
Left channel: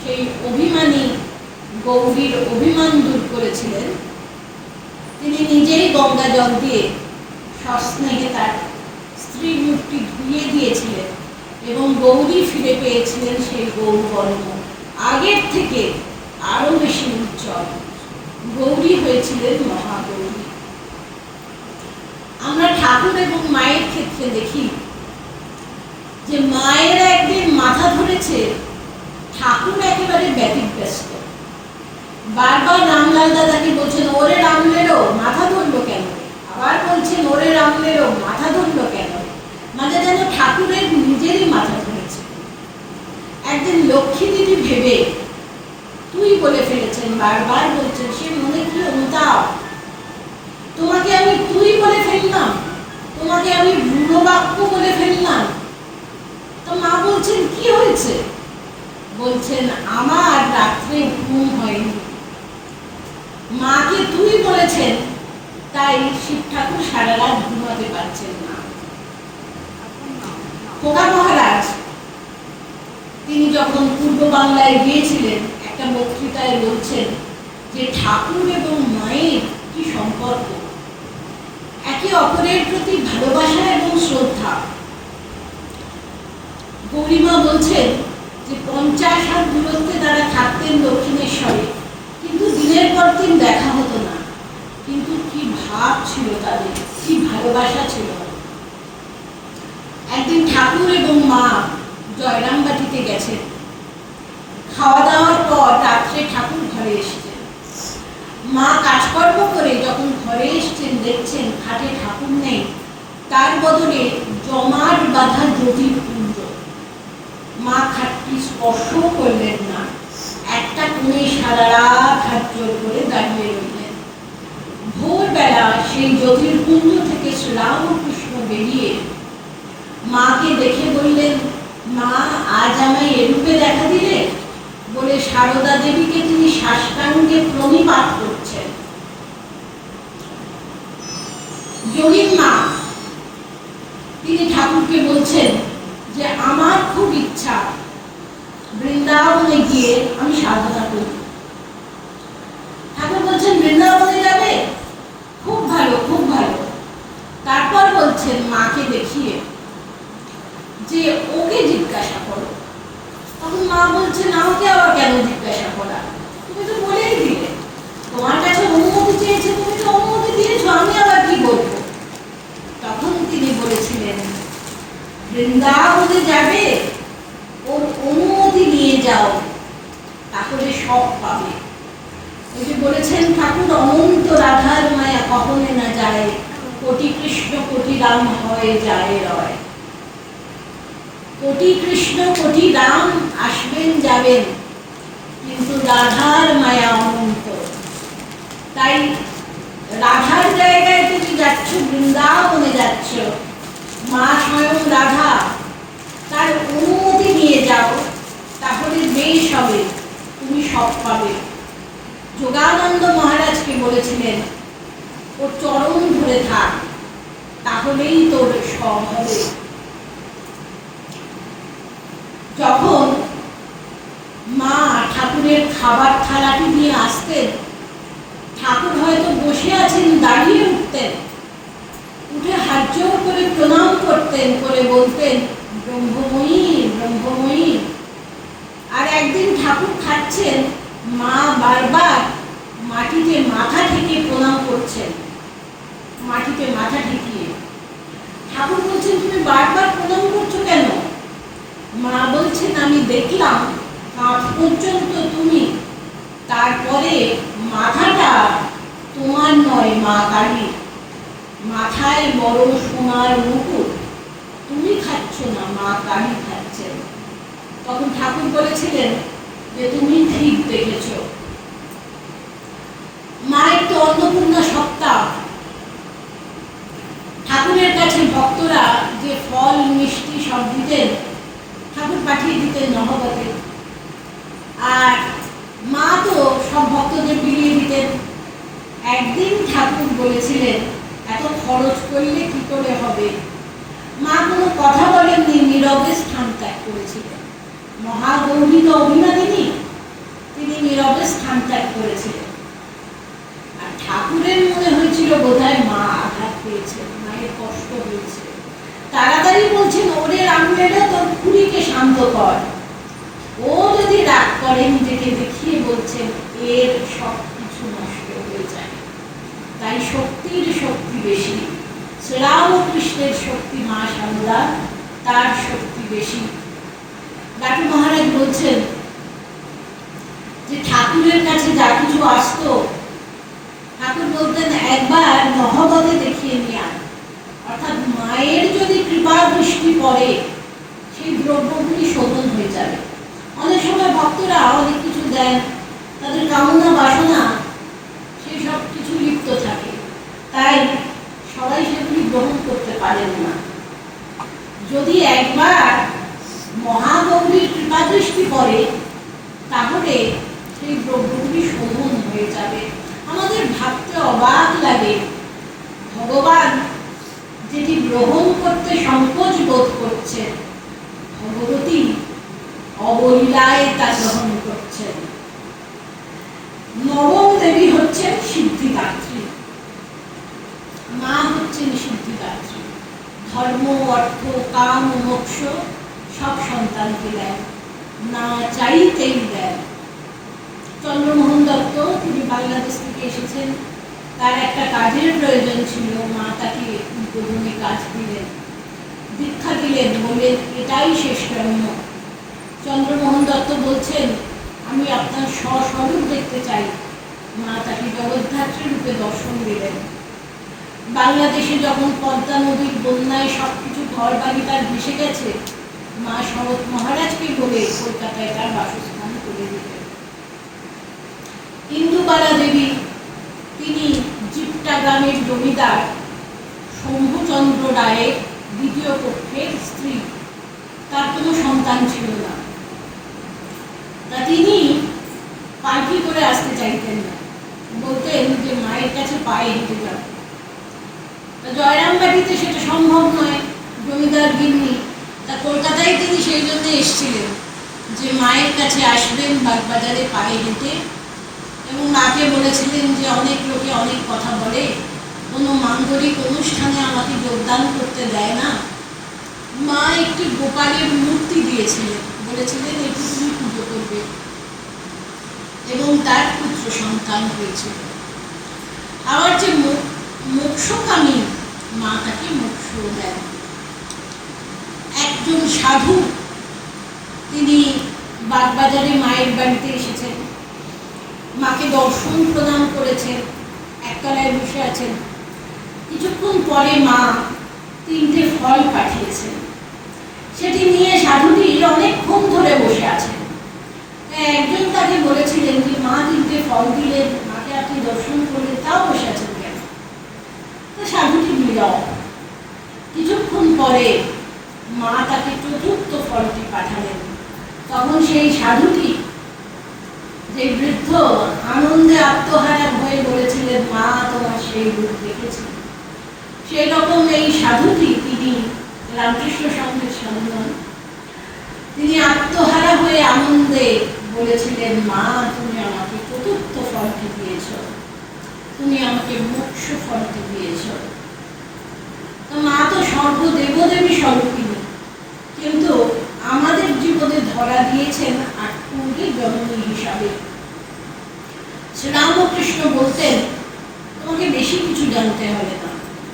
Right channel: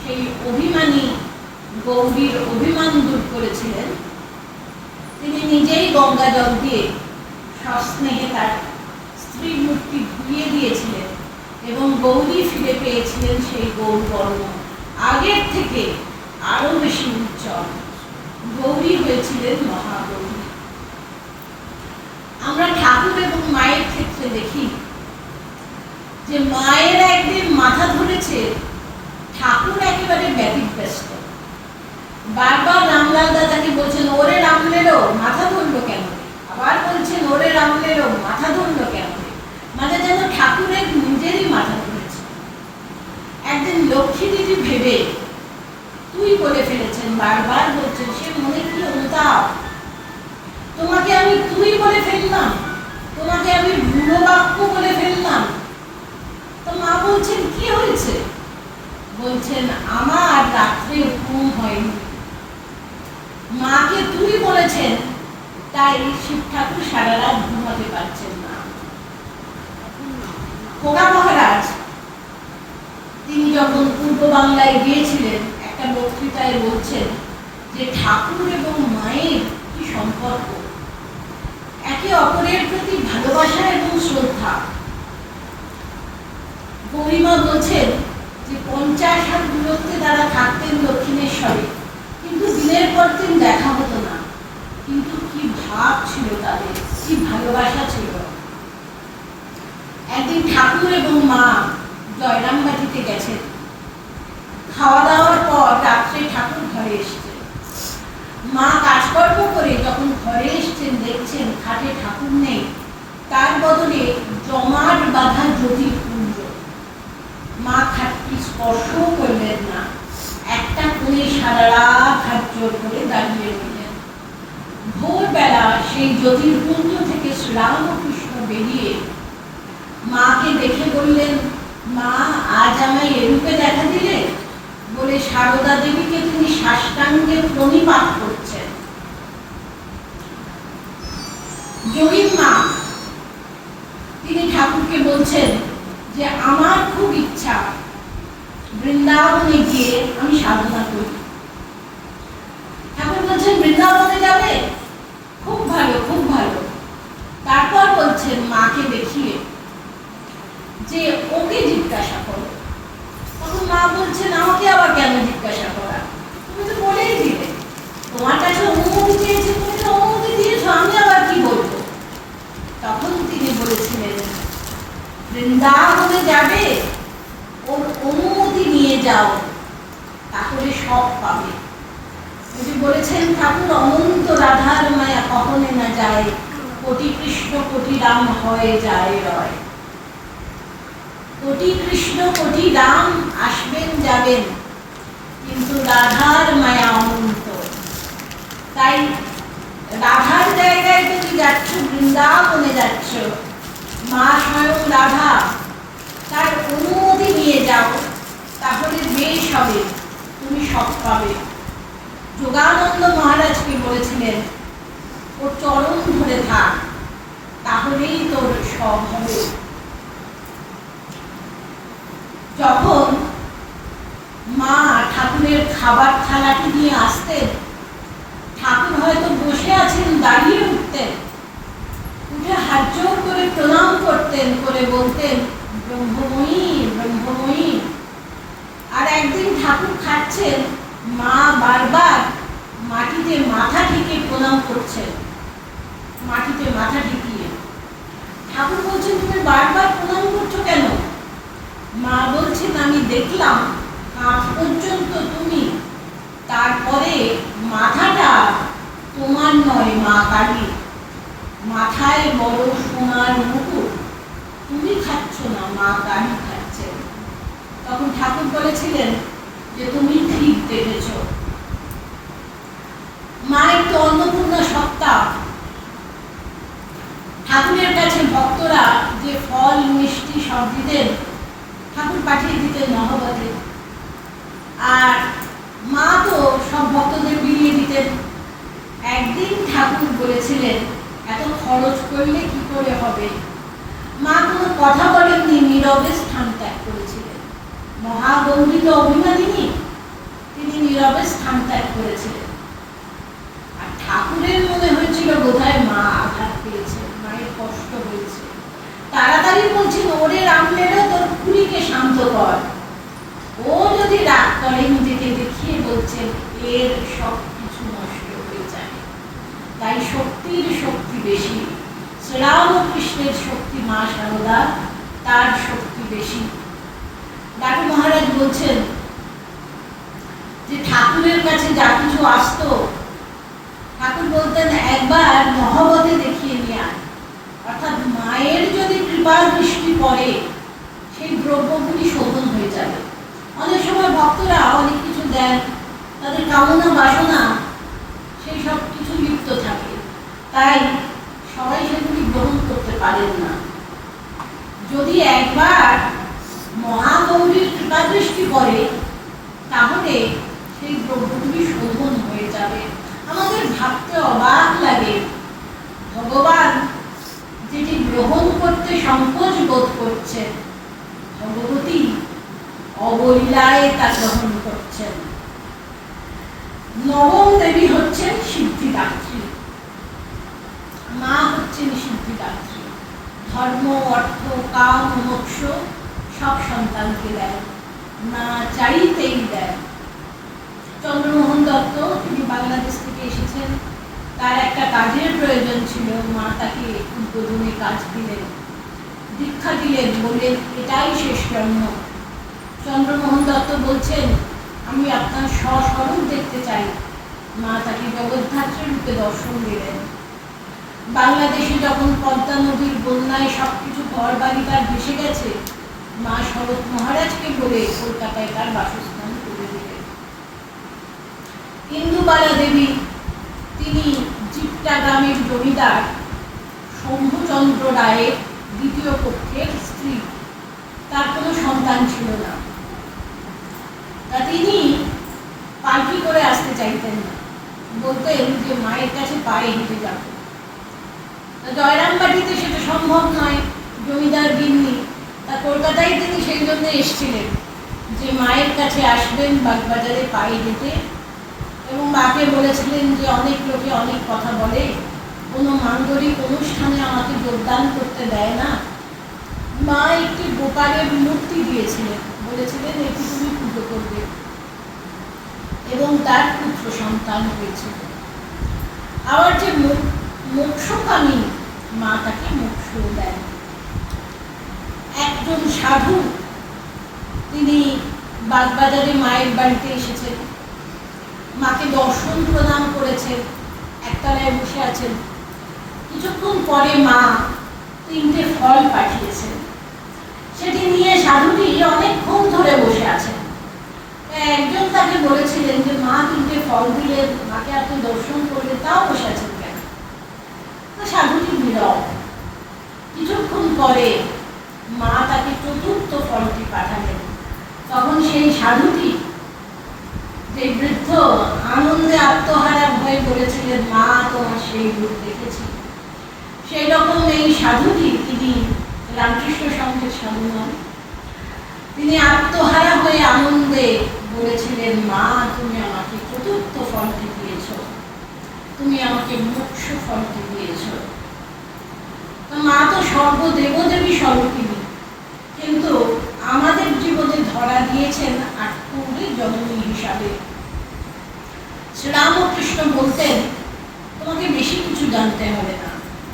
সেই অভিমানী গৌরীর অভিমান দূর করেছিলেন। তিনি নিজেই গঙ্গা জল দিয়ে সস্নেহে তার স্ত্রী মূর্তি ধুইয়ে দিয়েছিলেন এবং গৌরী ফিরে পেয়েছিলেন সেই গৌরবর্ণ, আগের থেকে আরো বেশি উজ্জ্বল। গৌরী হয়েছিলেন মহাগৌরী। আমরা ঠাকুর এবং মায়ের ক্ষেত্রে দেখি যে মায়েরা একদিন মাথা ধরেছে, ঠাকুর একেবারে ব্যতিব্যস্ত। বারবার রামলাল দাদাকে বলছেন, ওরে রামলেরো মাথা ধরলো কেন? আবার বলছেন, ওরে রামলেরো মাথা ধরলো কেন? মানে যেন ঠাকুরের নিজেরই মাথা ধরেছে। একদিন লক্ষ্মী দিদি ভেবে তুই বলে ফেলেছেন, বারবার বলছেন, সে মনে কি অনুতাপ, তোমাকে আমি তুই বলে ফেললাম, তোমাকে আমি বুড়ো বাক্য বলে ফেললাম। তো মা বলছেন, কি হয়েছে? বলছেন আমার রাত্রে ঘুম হয়নি, মাকে তুই বলেছেন, তাই শিব ঠাকুর সারা রাত ঘুমাতে পারছেন না। খোকা মহারাজ তিনি যখন পূর্ব বাংলায় গিয়েছিলেন, একটা বক্তৃতায় বলছেন যে ঠাকুর এবং মায়ের কি সম্পর্ক, একে অপরের প্রতি ভালোবাসা এবং শ্রদ্ধা। গৌরীমা বলছেন যে 50 হাত দূরত্বে তারা থাকতেন দক্ষিণেশ্বরে, কিন্তু দিনের পর দিন দেখা হতো না, কিন্তু কি ভাব ছিল তাদের, কি ভালোবাসা ছিল। একদিন ঠাকুর এবং মা জয়রামবাটিতে গেছেন, খাওয়া দাওয়ার পর রাত্রে ঠাকুর ঘরে এসেছেন। মা কাজকর্ম করে যখন ঘরে এসছেন, দেখছেন খাটে ঠাকুর নেই, তার বদলে জমাট বাঁধা জটিল কুঞ্জ। মা খাটটি স্পর্শ করলেন না, একটা কোণে সারা রাত হাত জোর করে দাঁড়িয়ে রইলেন। ভোরবেলা সেই জটিল কুঞ্জ থেকে শ্রীরামকৃষ্ণ বেরিয়ে মাকে দেখে বললেন, মা আজ আমায় এরূপে দেখা দিলে, বলে সারদা দেবীকে তিনি সাষ্টাঙ্গে প্রণিপাত করছেন। যোগীন মা তিনি ঠাকুরকে বলছেন যে আমার খুব ইচ্ছা বৃন্দাবনে গিয়ে আমি সাধনা করি। ঠাকুর বলছেন বৃন্দাবনে যাবে, খুব ভালো খুব ভালো। তারপর বলছেন মাকে দেখিয়ে যে ওকে জিজ্ঞাসা করো। তখন মা বলছেন আমাকে আবার কেন জিজ্ঞাসা করা, তুমি তো বলেই দিলে, তোমার কাছে অনুমতি চেয়েছে, তুমি তো অনুমতি দিয়েছো, আমি আবার কি বলবো। তখন তিনি বলেছিলেন বৃন্দাবনে যাবে, ওর অনুমতি নিয়ে যাও, তাহলে সব পাবে। উনি বলেছেন ঠাকুর অনন্ত রাধার মায়া কখনে না যায়, কোটি কৃষ্ণ কোটি রাম হয়ে যায় রয়। কোটি কৃষ্ণ কোটি রাম আসবেন যাবেন, কিন্তু রাধার মায়া অনন্ত। তাই রাধার জায়গায় তুমি যাচ্ছ, বৃন্দাবনে যাচ্ছ, মা স্বয়ং রাধা, তার অনুমতি নিয়ে যাও, তাহলে বেশ হবে, তুমি সব পাবে। যোগানন্দ মহারাজকে বলেছিলেন ওর চরণ ধরে থাক, তাহলেই তোর সব হবে। যখন মা ঠাকুরের খাবার থালাটি নিয়ে আসতেন, ঠাকুর হয়তো বসে আছেন, দাঁড়িয়ে উঠতেন, উঠে হাত জোর করে প্রণাম করতেন, করে বলতেন ব্রহ্মময়ী ব্রহ্মময়ী। আর একদিন ঠাকুর খাচ্ছেন, মা বারবার মাটিতে মাথা ঠেকে প্রণাম করছেন, মাটিতে মাথা ঠেকিয়ে। ঠাকুর বলছেন তুমি বারবার প্রণাম করছো কেন? মা বলছেন আমি দেখলাম কাঁধ পর্যন্ত তুমি, তারপরে মাথাটা তোমার নয় মা কালী, মাথায় বড় সোনার মুকুট, তুমি খাচ্ছ না, মা কালী খাচ্ছেন। তখন ঠাকুর বলেছিলেন যে তুমি ঠিক দেখেছ। মায়ের তো অন্নপূর্ণা সপ্তাহ, ঠাকুরের কাছে ভক্তরা যে ফল মিষ্টি সব দিতেন, ঠাকুর পাঠিয়ে দিতেন নহবতে, আর মা তো সব ভক্তদের বিলিয়ে দিতেন। একদিন ঠাকুর বলেছিলেন এত খরচ করলে কি করে হবে। মা কোনো কথা বলেননি, নীরবে স্থান ত্যাগ করেছিলেন। মহাগৌরী তো অভিমানিনী, তিনি নীরবে স্থান ত্যাগ করেছিলেন। আর ঠাকুরের মনে হয়েছিল বোধহয় মা আঘাত পেয়েছে, মায়ের কষ্ট হয়েছে। তাড়াতাড়ি বলছেন ওরে রামলেলা তোর খুড়িকে শান্ত কর। ও যদি রাগ করে নিজেকে দেখিয়ে বলছেন এর সব কিছু নষ্ট হয়ে যায়। তাই শক্তির শক্তি বেশি, শ্রীরামকৃষ্ণের শক্তি মা সারদা, তার শক্তি বেশি। ডাকু মহারাজ বলছেন যে ঠাকুরের কাছে যা কিছু আসতো, ঠাকুর বলতেন একবার নহবতে দেখিয়ে নিয়ে আয়। অর্থাৎ মায়ের যদি কৃপা দৃষ্টি পড়ে, সেই দ্রব্যগুলি শোধন হয়ে যাবে। অনেক সময় ভক্তরা অনেক কিছু দেন, তাদের কামনা বাসনা সেই সব কিছু লিপ্ত থাকে, তাই সবাই সেগুলি গ্রহণ করতে পারেন না। যদি একবার মহাগৌরীর কৃপা দৃষ্টি পড়ে, তাহলে সেই দ্রব্যগুলি শোধন হয়ে যাবে। আমাদের ভাবতে অবাক লাগে, ভগবান যেটি গ্রহণ করতে সংকোচ বোধ করছেন, ভগবতী অবলীলায় তা গ্রহণ করছেন। নবম দেবী হচ্ছেন সিদ্ধিদাত্রী, মা হচ্ছেন সিদ্ধিদাত্রী। ধর্ম, অর্থ, কাম, মোক্ষ সব সন্তানকে দেয়, না চাইতেই দেয়। চন্দ্রমোহন দত্ত, তিনি বাংলাদেশ থেকে এসেছেন, তার একটা কাজের প্রয়োজন ছিল, মা তাকে উদ্বোধনী কাজ দিলেন, দীক্ষা দিলেন, বললেন এটাই শেষ জন্ম। চন্দ্রমোহন দত্ত বলছেন আমি আপনার স্বস্বরূপ দেখতে চাই। মা তাকে জগদ্ধাত্রী রূপে দর্শন দিলেন। বাংলাদেশে যখন পদ্মা নদীর বন্যায় সবকিছু ঘর বাড়ি তার ভেসে গেছে, মা শরৎ মহারাজকে বলে কলকাতায় তার বাসস্থান করে দিলেন। ইন্দুবালা দেবী, তিনি জিপটা গ্রামের জমিদার শম্ভুচন্দ্র রায়ের দ্বিতীয় পক্ষের স্ত্রী, তার কোনো সন্তান ছিল না। তা তিনি পালকি করে আসতে চাইতেন না, বলতেন যে মায়ের কাছে পায়ে হেঁটে যাবে। তা জয়রামবাটিতে সেটা সম্ভব নয়, জমিদার গিন্নি, তা কলকাতায় তিনি সেই জন্য এসেছিলেন যে মায়ের কাছে আসবেন বাগবাজারে পায়ে হেঁটে, এবং মাকে বলেছিলেন যে অনেক লোকে অনেক কথা বলে, কোনো মাঙ্গলিক অনুষ্ঠানে আমাকে যোগদান করতে দেয় না। মা একটি গোপালের মূর্তি দিয়েছিলেন, বলেছিলেন এটি তুমি পুজো করবে, এবং তার পুত্র সন্তান হয়েছিল। আবার যে মোক্ষকামী, মা তাকে মোক্ষ দেন। একজন সাধু, তিনি বাগবাজারে মায়ের বাড়িতে এসেছেন, মাকে দর্শন প্রদান করেছেন, একতলায় বসে আছেন। কিছুক্ষণ পরে মা 3টে ফল পাঠিয়েছেন, সেটি নিয়ে সাধুটি অনেকক্ষণ ধরে বসে আছেন। একজন তাকে বলেছিলেন যে মা 3টে ফল দিলেন, মাকে আপনি দর্শন করলেন, তাও বসে আছেন কেন? তো সাধুটি নীরব। কিছুক্ষণ পরে মা তাকে 4র্থ ফলটি পাঠালেন। তখন সেই সাধুটি, যে বৃদ্ধ, আনন্দে আত্মহারা হয়ে বলেছিলেন মা তোমার সেই রূপ দেখেছি। সেই রকম এই সাধুটি, তিনি রামকৃষ্ণ সংঘের সাধু নন, তিনি আত্মহারা হয়ে আনন্দে বলেছিলেন মা তুমি আমাকে 4র্থ ফলটি দিয়েছ, তুমি আমাকে মোক্ষ ফলটি দিয়েছ। মা তো সর্বদেবদেবী স্বরূপিণী, কিন্তু আমাদের জীবনে ধরা দিয়েছেন আটকুড়ি জননী হিসাবে। শ্রীরামকৃষ্ণ বলতেন তোমাকে বেশি কিছু জানতে হবে না,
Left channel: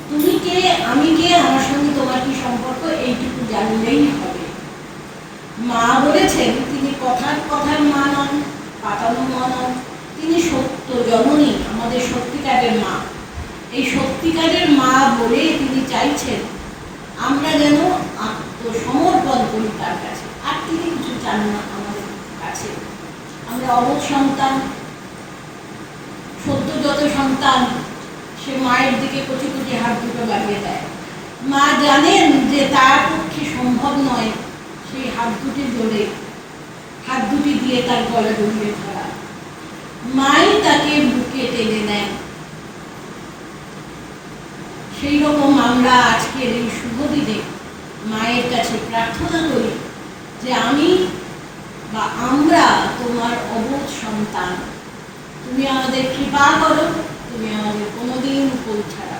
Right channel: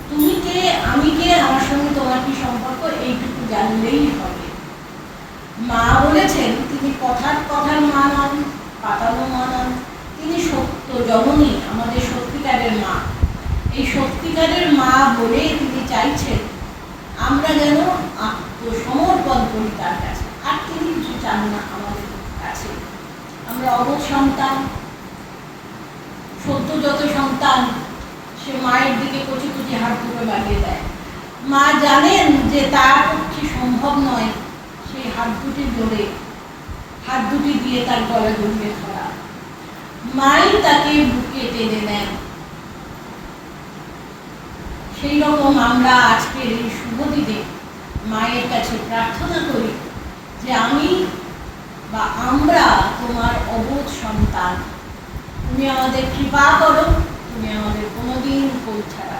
তুমি কে, আমি কে, আমার সঙ্গে তোমার কি সম্পর্ক, এইটুকু জানলেই হবে। মা বলেছেন তিনি কথার মা নন, পাতানো মা নন, তিনি সত্য জননী, আমাদের সত্যিকারের মা। এই সত্যিকারের মা বলে তিনি চাইছেন আমরা যেন আত্মসমর্পণ করি তার কাছে, আর তিনি কিছু চান না আমাদের কাছে। আমরা অবোধ সন্তান, সদ্যজাত সন্তান, সে মায়ের দিকে কচি কচি হাত দুটো বাড়িয়ে দেয়। মা জানেন যে তার পক্ষে সম্ভব নয় সেই হাত দুটি জোরে, হাত দুটি দিয়ে তার গলা জড়িয়ে ধরা। মাই তাকে বুকে টেনে নেন। সেই রকম আমরা আজকের এই শুভ দিনে মায়ের কাছে প্রার্থনা করি যে আমি বা আমরা তোমার অবোধ সন্তান, তুমি আমাদের কৃপা করো, তুমি আমাদের কোনোদিন পৌঁছাবে